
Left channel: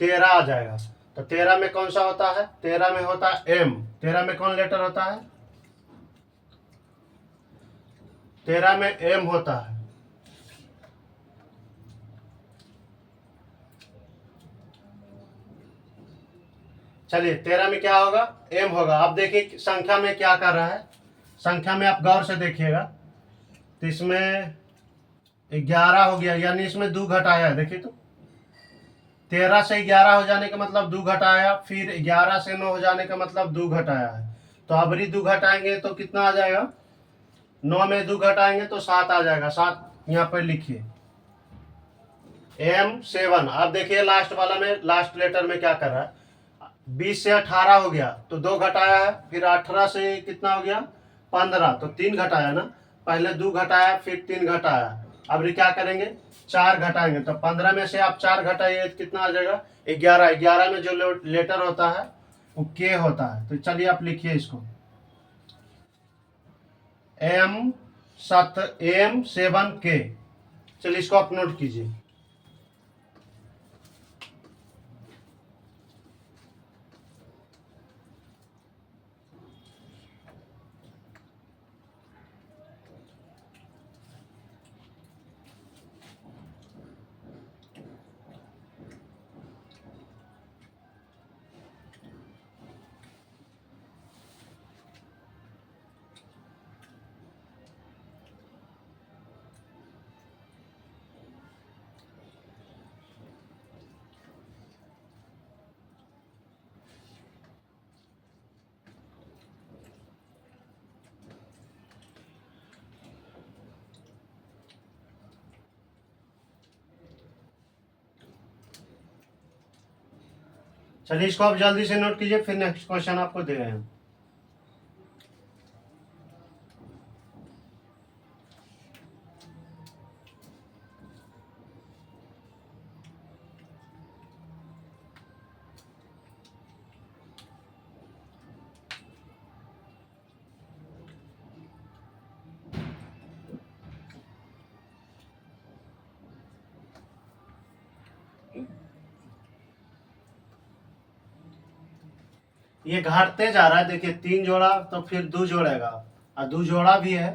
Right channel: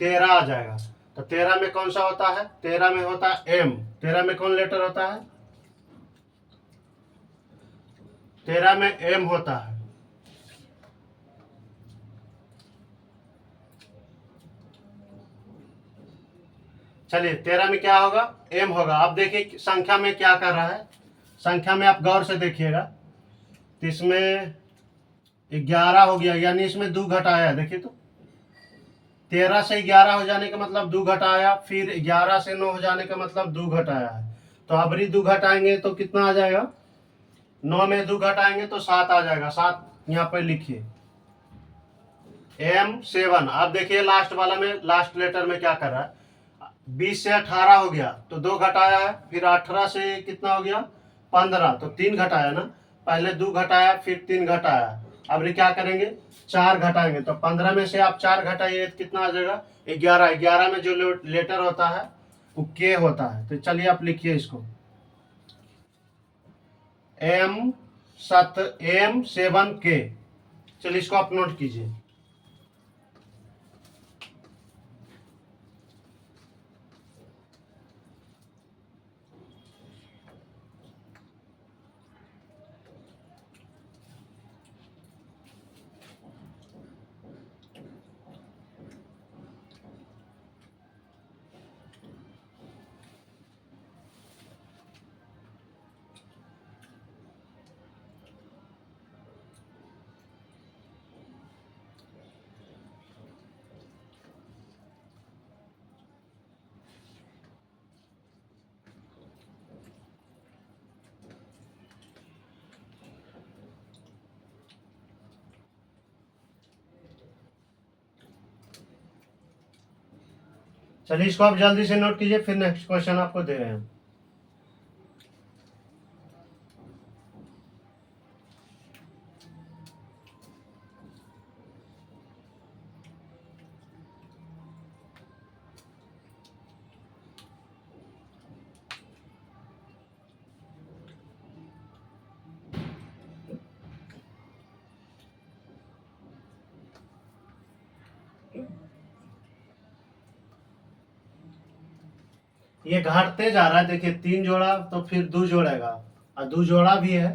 13 आ जाएगा। तो 13 में कौन सा होता है, 13 में होता है एम। 13 में कौन लेटर होता है, 13 में एम होता है। चलिए 13 में क्या होगा एम होगा। अब देखिए संख्या में क्या कर रहा है, संख्या में आप गौर से देखिएगा, तो इसमें 11 हो गया, यानी इसमें 2 घटाया है। देखिए तो 13 से 11 हो जाने का मतलब 2 घटाया, फिर 11 से 9 हो जाने का मतलब 2 घटाया है। तो अब भी 2 घटाएंगे तो कितना आ जाएगा, 9 में 2 घटाएंगे तो 7 आ जाएगा। 7 यहाँ पर लिखिए M7। अब देखिए लास्ट वाला में, लास्ट लेटर में क्या कर रहा है, 20 से 18 हो गया तो 2 घटाया है, फिर 18 से कितना हो गया 15, तो 3 घटाया ना, पहले 2 घटाया फिर 3 घटाया। अब ये क्या करेंगे 4 घटाएंगे, तो 15 में से आप 4 घटाइए तो कितना आ जाएगा 11। 11 में जो लेटर होता है वो के होता है। तो चलिए आप लिखिए इसको, M7 चलिए इसको आप नोट कीजिए। चलिए इसको आप जल्दी से नोट कीजिए, फिर नेक्स्ट क्वेश्चन आपको दे रहे हैं। ये घटते जा रहा है, देखिए 3 जोड़ा तो फिर 2 जोड़ेगा, और 2 जोड़ा भी है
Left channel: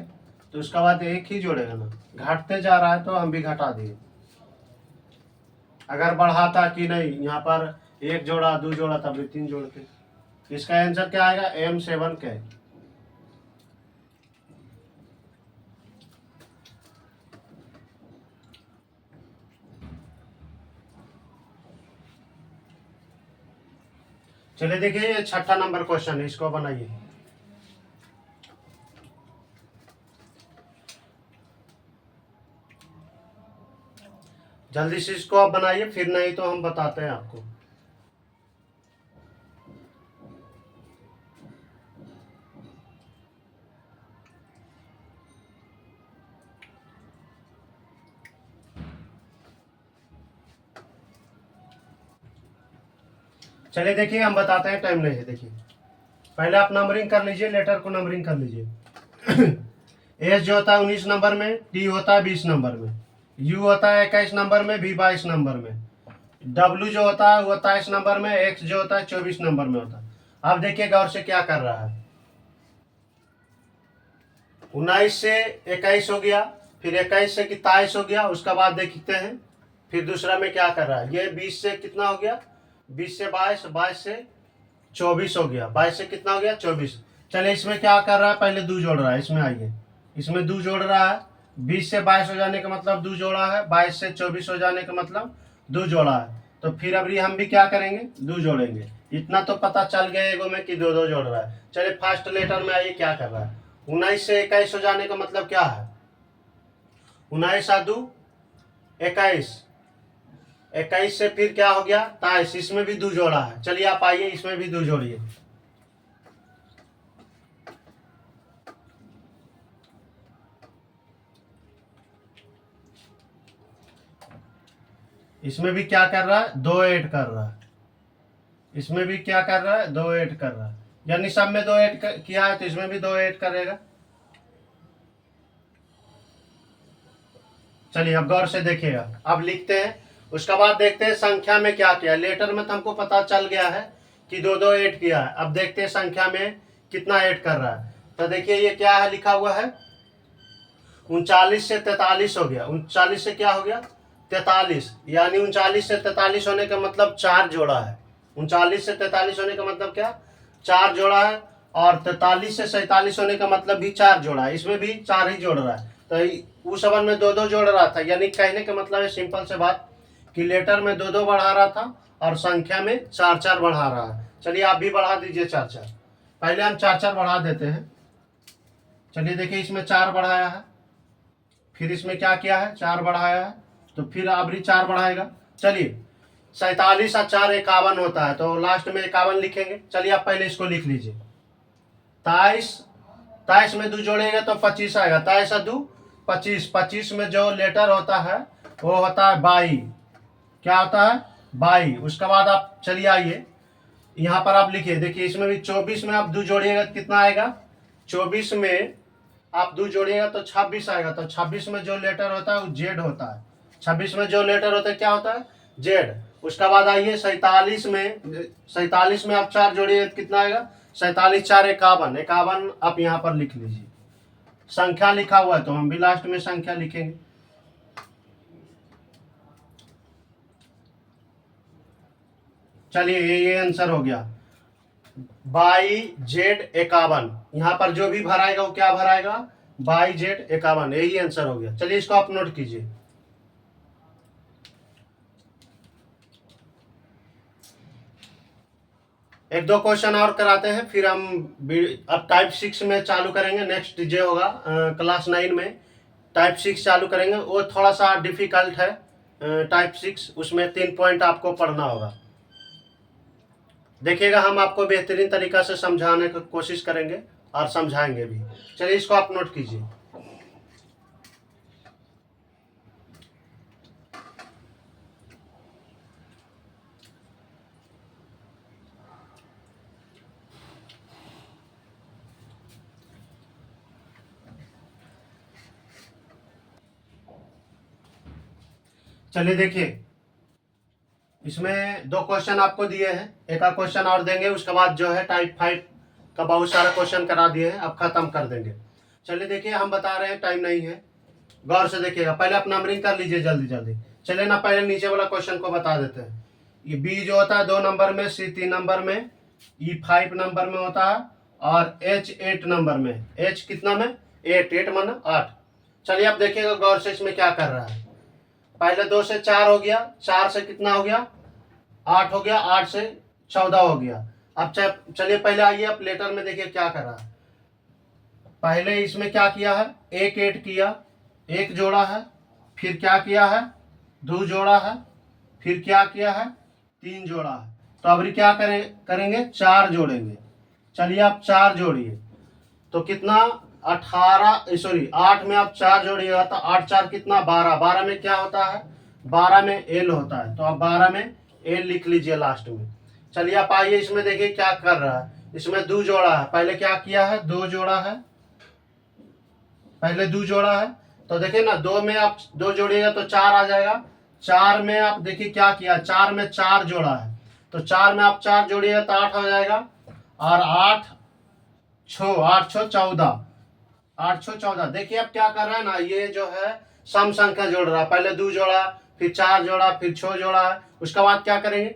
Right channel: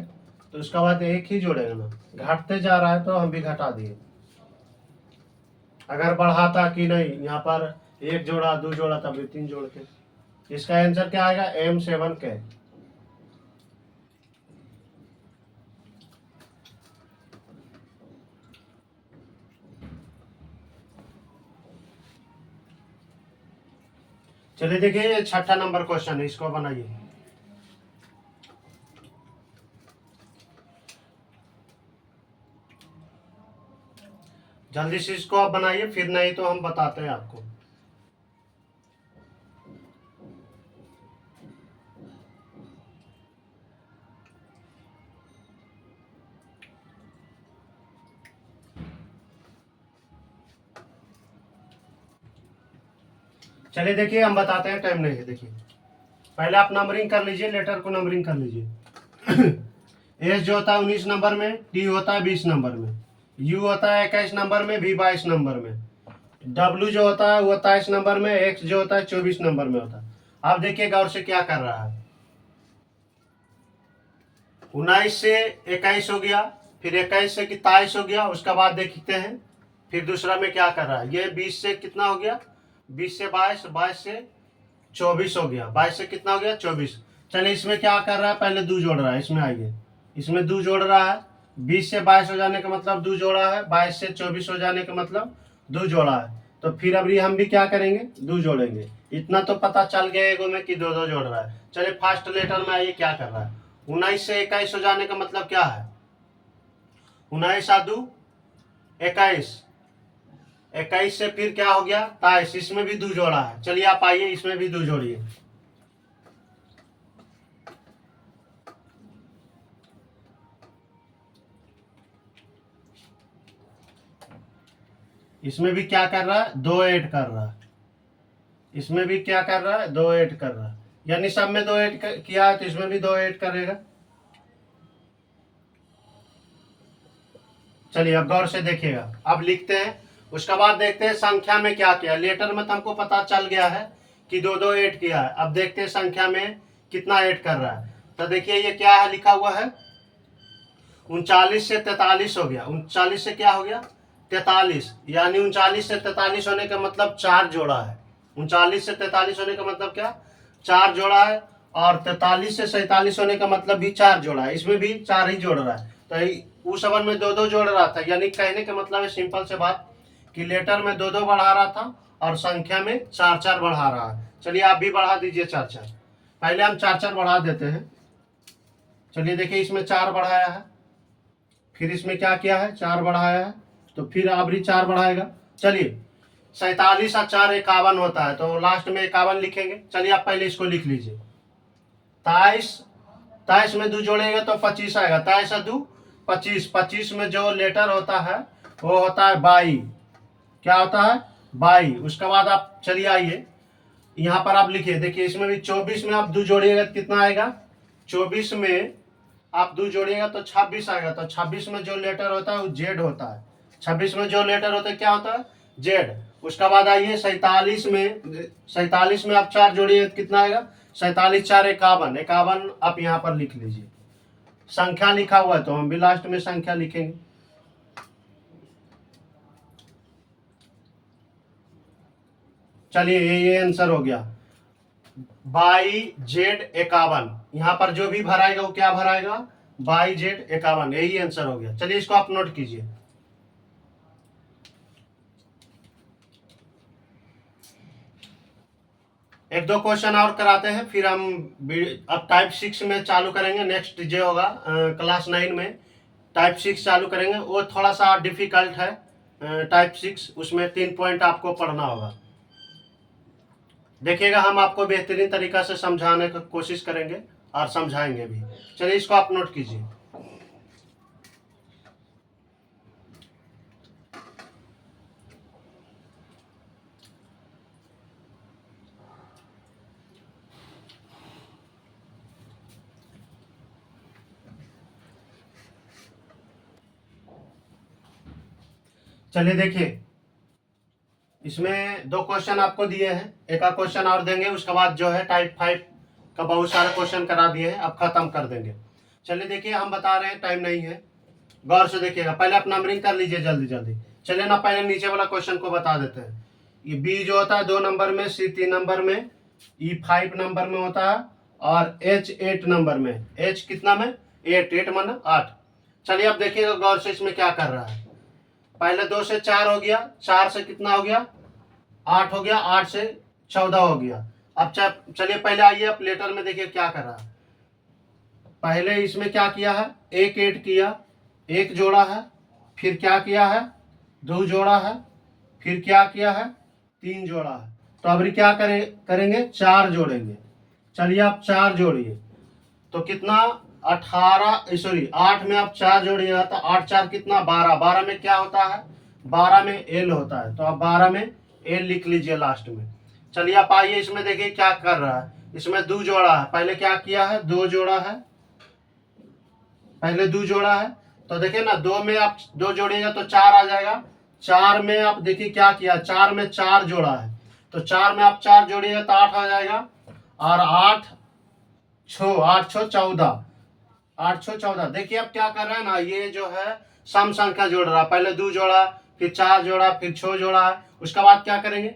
तो उसके बाद 1 ही जोड़ेगा ना। घटते जा रहा है तो हम भी घटा दिए। अगर बढ़ाता कि नहीं, यहाँ पर 1 जोड़ा 2 जोड़ा तब भी 3 जोड़ के, इसका आंसर क्या आएगा M7 चलिए देखिए, ये 6ठा नंबर क्वेश्चन है, इसको बनाइए। जल्दी से इसको आप बनाइए, फिर नहीं तो हम बताते हैं आपको। चलिए देखिए, हम बताते हैं, टाइम नहीं है, देखिए पहले आप नंबरिंग कर लीजिए, लेटर को नंबरिंग कर लीजिए। एस जो होता है 19 नंबर में, टी होता है 20 नंबर में, यू होता है 21 नंबर में, वी 22 नंबर में, डब्ल्यू जो होता है वो 23 नंबर में, एक्स जो होता है 24 नंबर में होता है। आप देखिए गौर से क्या कर रहा है। 19 से 21 हो गया, फिर 21 से 23 हो गया, उसका बाद देखते हैं फिर दूसरा में क्या कर रहा है। ये 20 से कितना हो गया, 20 से 22, 22 से 24 हो गया, 22 से कितना हो गया 24। चलिए इसमें क्या कर रहा है, पहले दो जोड़ रहा है, इसमें आइए, इसमें दो जोड़ रहा है। 20 से 22 हो जाने का मतलब दो जोड़ा है, 22 से 24 हो जाने का मतलब दो जोड़ा है। तो फिर अभी हम भी क्या करेंगे, दो जोड़ेंगे। इतना तो पता चल गया एगो में कि दो दो जोड़ रहा है। चलिए फर्स्ट लेटर में आइए क्या कर रहा है। 19 से 21 हो जाने का मतलब क्या है, 19 आ 2 21, 21 से फिर क्या हो गया 23, इसमें भी दो जोड़ा है। चलिए आप आइए इसमें भी दो जोड़िए। इसमें भी क्या कर रहा है, दो ऐड कर रहा है, इसमें भी क्या कर रहा है, दो ऐड कर रहा है, यानी सब में दो ऐड किया है तो इसमें भी दो ऐड करेगा। चलिए अब गौर से देखिएगा, अब लिखते हैं, उसके बाद देखते हैं संख्या में क्या किया। लेटर में तो हमको पता चल गया है कि दो दो ऐड किया है, अब देखते हैं संख्या में कितना ऐड कर रहा है। तो देखिए ये क्या है, लिखा हुआ है 39 से 43 हो गया, 39 से क्या हो गया 43, यानी 39 से 43 होने का मतलब चार जोड़ा है। 39 से 43 होने का मतलब क्या, चार जोड़ा है। और 43 से 47 होने का मतलब भी चार जोड़ा है, इसमें भी चार ही जोड़ रहा है। तो उस अवन में दो दो जोड़ रहा था, यानी कहने का मतलब है सिंपल से बात कि लेटर में दो दो बढ़ा रहा था और संख्या में चार चार बढ़ा रहा है। चलिए आप भी बढ़ा दीजिए चार चार, पहले हम चार चार बढ़ा देते हैं। चलिए देखिए इसमें चार बढ़ाया है, फिर इसमें क्या किया है, चार बढ़ाया है, तो फिर आबरी चार बढ़ाएगा। चलिए 47 और 4 51 होता है, तो लास्ट में 51 लिखेंगे। चलिए आप पहले इसको लिख लीजिए। 23, 23 में दो जोड़ेंगे तो 25 आएगा, 23 और 2 25, 25 में जो लेटर होता है वो होता है 22। क्या होता है 22। उसके बाद आप चलिए आइए यहाँ पर आप लिखिए, देखिए इसमें भी 24 में आप दो जोड़िएगा तो कितना आएगा, 24 में आप दो जोड़िएगा तो 26 आएगा। तो 26 में जो लेटर होता है वो जेड होता है, 26 में जो लेटर होता है क्या होता है, जेड। उसके बाद आइए 47 में, 47 में आप चार जोड़िए तो कितना आएगा, 47 4 51, 51 आप यहाँ पर लिख लीजिए। संख्या लिखा हुआ है तो हम भी लास्ट में संख्या लिखेंगे। चलिए ये आंसर हो गया, बाई जेड 51। यहाँ पर जो भी भराएगा वो क्या भराएगा, बाई जेड 51, यही आंसर हो गया। चलिए इसको आप नोट कीजिए। एक दो क्वेश्चन और कराते हैं फिर हम अब टाइप 6 में चालू करेंगे। नेक्स्ट जे होगा क्लास 9 में टाइप 6 चालू करेंगे, वो थोड़ा सा डिफिकल्ट है। टाइप 6 उसमें 3 पॉइंट आपको पढ़ना होगा। देखिएगा हम आपको बेहतरीन तरीका से समझाने की कोशिश करेंगे और समझाएंगे भी। चलिए इसको आप नोट कीजिए। चलिए देखिए इसमें दो क्वेश्चन आपको दिए हैं, एक आध क्वेश्चन और देंगे, उसके बाद जो है टाइप 5 का बहुत सारे क्वेश्चन करा दिए हैं, अब खत्म कर देंगे। चलिए देखिए हम बता रहे हैं, टाइम नहीं है, गौर से देखिएगा। पहले आप नंबरिंग कर लीजिए जल्दी जल्दी। चलिए ना पहले नीचे वाला क्वेश्चन को बता देते हैं। ये बी जो होता है 2 नंबर में, सी 3 नंबर में, ई 5 नंबर में होता है और एच 8 नंबर में। एच कितना में, 8, 8 माना 8। चलिए आप देखिएगा गौर से इसमें क्या कर रहा है। पहले 2 से 4 हो गया, 4 से कितना हो गया 8 हो गया, 8 से 14 हो गया। अब चलिए पहले आइए आप लेटर में देखिए क्या कर रहा है। पहले इसमें क्या किया है, एक ऐड किया, एक जोड़ा है, फिर क्या किया है, दो जोड़ा है, फिर क्या किया है, तीन जोड़ा है। तो अब क्या करेंगे, चार जोड़ेंगे। चलिए आप चार जोड़िए तो कितना, 18 सॉरी 8 में आप चार जोड़िएगा तो 8 4 कितना 12, 12 में क्या होता है, 12 में एल होता है, तो आप 12 में एल लिख लीजिए लास्ट में। चलिए आप आइए इसमें देखिए क्या कर रहा है। इसमें 2 जोड़ा है, पहले क्या किया है 2 जोड़ा है, पहले 2 जोड़ा है। तो देखिए ना 2 में आप 2 जोड़िएगा तो 4 आ जाएगा। 4 में आप देखिए क्या किया, 4 में 4 जोड़ा है, तो 4 में आप 4 जोड़िएगा तो 8 आ जाएगा। और 8 छो 14, 8 छो 14। देखिए अब क्या कर रहे हैं ना, ये जो है सम संख्या जोड़ रहा है, पहले 2 जोड़ा, फिर 4 जोड़ा, फिर 6 जोड़ा है, उसके बाद क्या करेंगे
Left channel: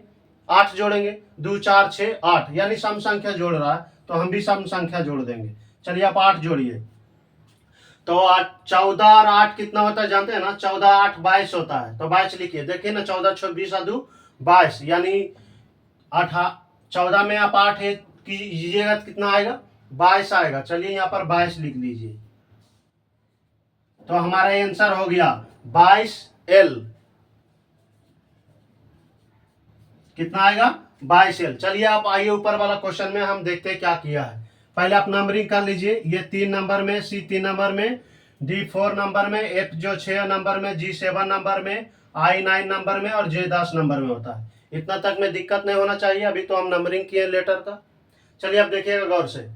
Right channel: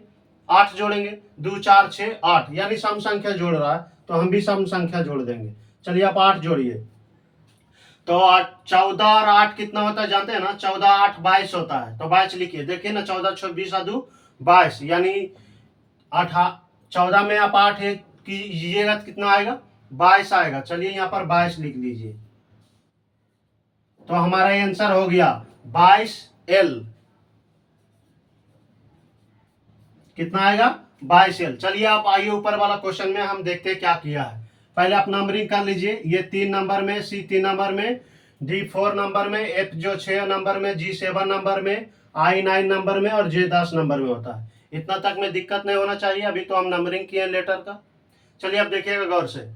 8 जोड़ेंगे, 2 4 6 8, यानी सम संख्या जोड़ रहा है, तो हम भी सम संख्या जोड़ देंगे। चलिए आप 8 जोड़िए, तो 8 14 और 8 कितना होता है जानते हैं ना, 14 8 22 होता है, तो 22 लिखिए। देखिए ना 14 6 20 और 2 22, यानी 14 में आप 8 कीजिएगा तो कितना आएगा 22 आएगा। चलिए यहाँ पर 22 लिख लीजिए, तो हमारा आंसर हो गया 22L। कितना आएगा 22L। चलिए आप आइए ऊपर वाला क्वेश्चन में हम देखते हैं क्या किया है। पहले आप नंबरिंग कर लीजिए, ये 3 नंबर में, C 3 नंबर में, D 4 नंबर में, F जो 6 नंबर में, G 7 नंबर में, I 9 नंबर में और J 10 नंबर में होता है। इतना तक में दिक्कत नहीं होना चाहिए, अभी तो हम नंबरिंग किए लेटर का। चलिए अब देखिएगा गौर से।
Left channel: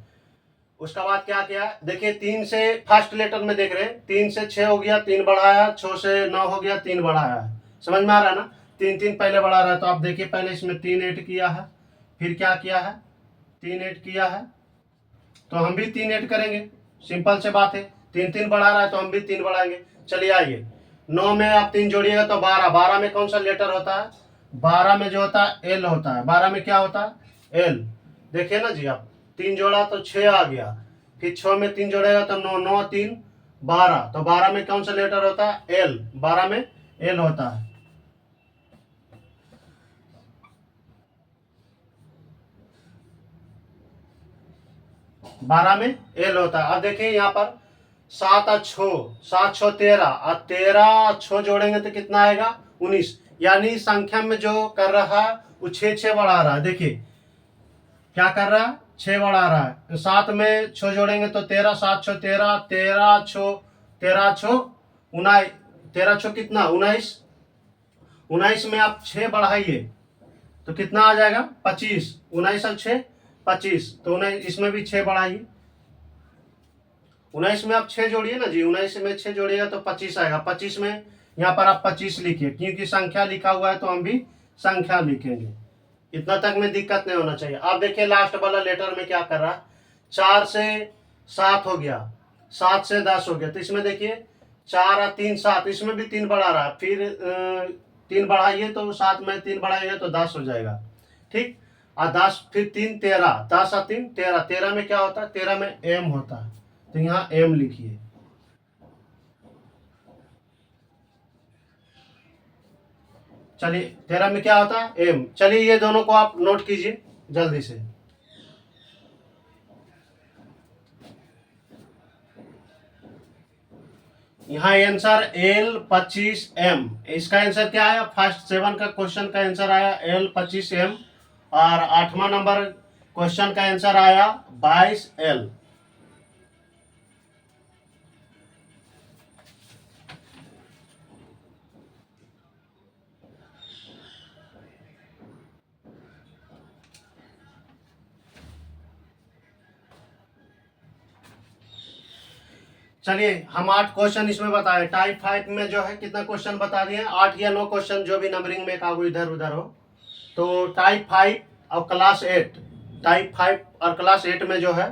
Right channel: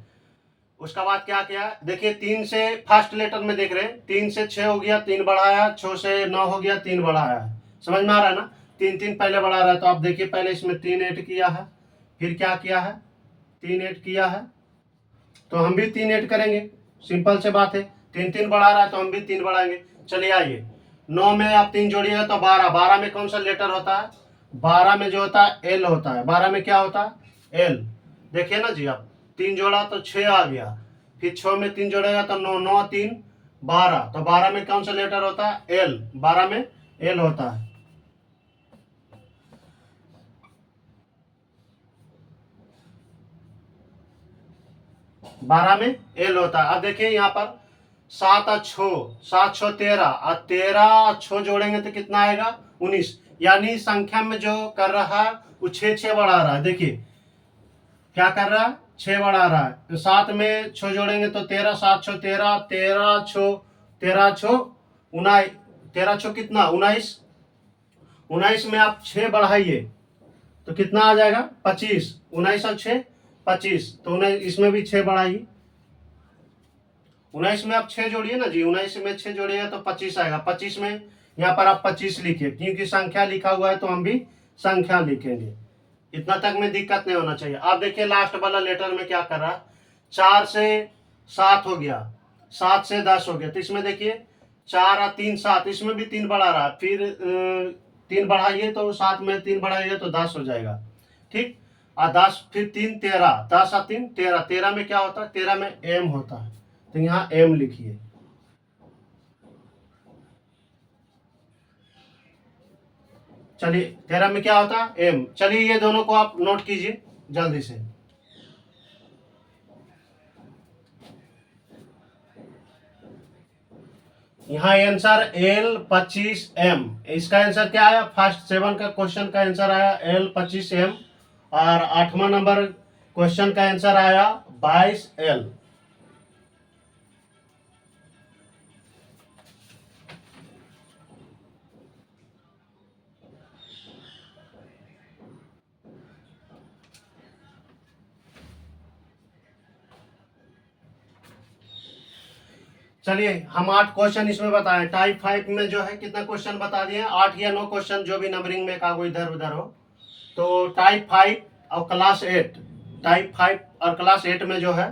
उसका बाद क्या किया, देखिए 3 से फर्स्ट लेटर में देख रहे हैं, 3 से 6 हो गया 3 बढ़ाया, 6 से 9 हो गया 3 बढ़ाया है। समझ में आ रहा है ना, 3 3 पहले बढ़ा रहा है, तो आप देखिए पहले इसमें 3 ऐड किया है, फिर क्या किया है 3 ऐड किया है, तो हम भी 3 ऐड करेंगे, सिंपल से बात है। 3 3 बढ़ा रहा है तो हम भी 3 बढ़ाएंगे। चलिए आइए 9 में आप 3 जोड़िएगा तो 12, 12 में कौन सा लेटर होता है, 12 में जो होता है एल होता है, 12 में क्या होता है एल। देखिए ना जी, आप 3 जोड़ा तो 6 आ गया, फिर 6 में 3 जोड़ेगा तो 9, 9 3 12, तो 12 में कौन सा लेटर होता है एल, 12 में एल होता है। बारह में एल होता है। अब देखिए यहाँ पर 7 और 6, 7 6 13, और 13 और 6 जोड़ेंगे तो कितना आएगा 19, यानी संख्या में जो कर रहा है वो 6 6 बढ़ा रहा है। देखिए क्या कर रहा है 6 बढ़ा रहा है, तो 7 में 6 जोड़ेंगे तो 13, 7 6 13, 13 6 13 6 19, 13 6 कितना 19, 19 में आप 6 बढ़ाइए तो कितना आ जाएगा 25, 19 और 6 25, तो 19 इसमें भी 6 बढ़ाइए, 19 में आप 6 जोड़िए ना जी, 19 में 6 जोड़िए तो 25 आएगा। 25 में यहाँ पर आप 25 लिखिए, क्योंकि संख्या लिखा हुआ है तो हम भी संख्या लिखेंगे। इतना तक में दिक्कत नहीं होना चाहिए। आप देखिए लास्ट वाला लेटर में क्या कर रहा है, 4 से 7 हो गया, 7 से 10 हो गया, तो इसमें देखिए 4 और 3 7, इसमें भी 3 बढ़ा रहा है, फिर 3 बढ़ाइए तो 7 में 3 बढ़ाइए तो 10 हो जाएगा, ठीक। और 10 फिर 3 13, 10 और 3 13, 13 में क्या होता है 13 में एम होता है, तो यहाँ एम लिखिए। चलिए 13 में क्या होता है एम। चलिए ये दोनों को आप नोट कीजिए जल्दी से। यहाँ आंसर एल 25M, इसका आंसर क्या आया, फर्स्ट 7 का क्वेश्चन का आंसर आया एल 25M, और 8वां नंबर क्वेश्चन का आंसर आया 22L। चलिए हम 8 क्वेश्चन इसमें बताए। टाइप 5 में जो है कितना क्वेश्चन बता दिए, 8 या 9 क्वेश्चन, जो भी नंबरिंग में कागो इधर उधर हो। तो टाइप 5 और क्लास 8, टाइप 5 और क्लास 8 में जो है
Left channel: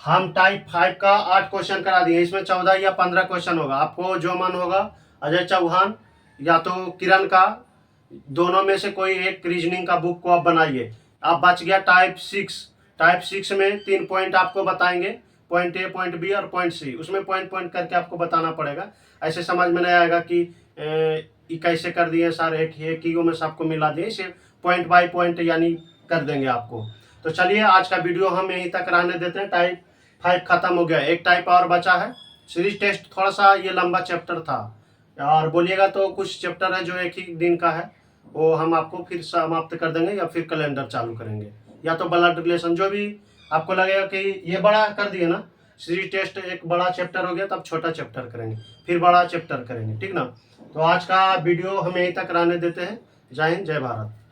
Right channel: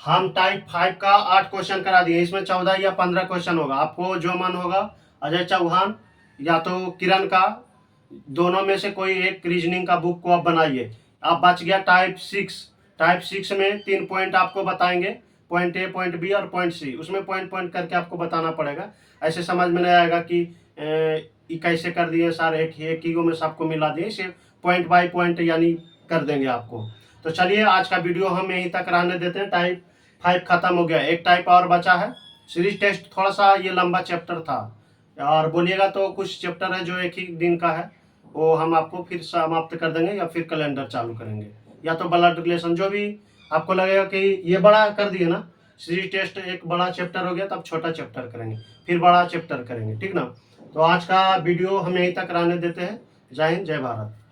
हम टाइप 5 का 8 क्वेश्चन करा दिए। इसमें 14 या 15 क्वेश्चन होगा, आपको जो मन होगा, अजय चौहान या तो किरण का, दोनों में से कोई एक रीजनिंग का बुक को आप बनाइए। आप बच गया टाइप 6। टाइप 6 में 3 पॉइंट आपको बताएंगे, पॉइंट ए, पॉइंट बी और पॉइंट सी, उसमें पॉइंट पॉइंट करके आपको बताना पड़ेगा। ऐसे समझ में नहीं आएगा कि ये कैसे कर दिए सर, एक ही में सबको मिला दिए, सिर्फ पॉइंट बाय पॉइंट यानी कर देंगे आपको। तो चलिए आज का वीडियो हम यहीं तक रहने देते हैं। टाइप 5 खत्म हो गया, एक टाइप और बचा है। सीरीज टेस्ट थोड़ा सा ये लंबा चैप्टर था, और बोलिएगा तो कुछ चैप्टर है जो एक ही दिन का है, वो हम आपको फिर समाप्त कर देंगे, या फिर कैलेंडर चालू करेंगे, या तो ब्लड रिलेशन, जो भी आपको लगेगा कि ये बड़ा कर दिए ना, सीरीज टेस्ट एक बड़ा चैप्टर हो गया, तब छोटा चैप्टर करेंगे, फिर बड़ा चैप्टर करेंगे, ठीक ना। तो आज का वीडियो हम यहीं तक रहने देते हैं। जय हिंद, जय भारत।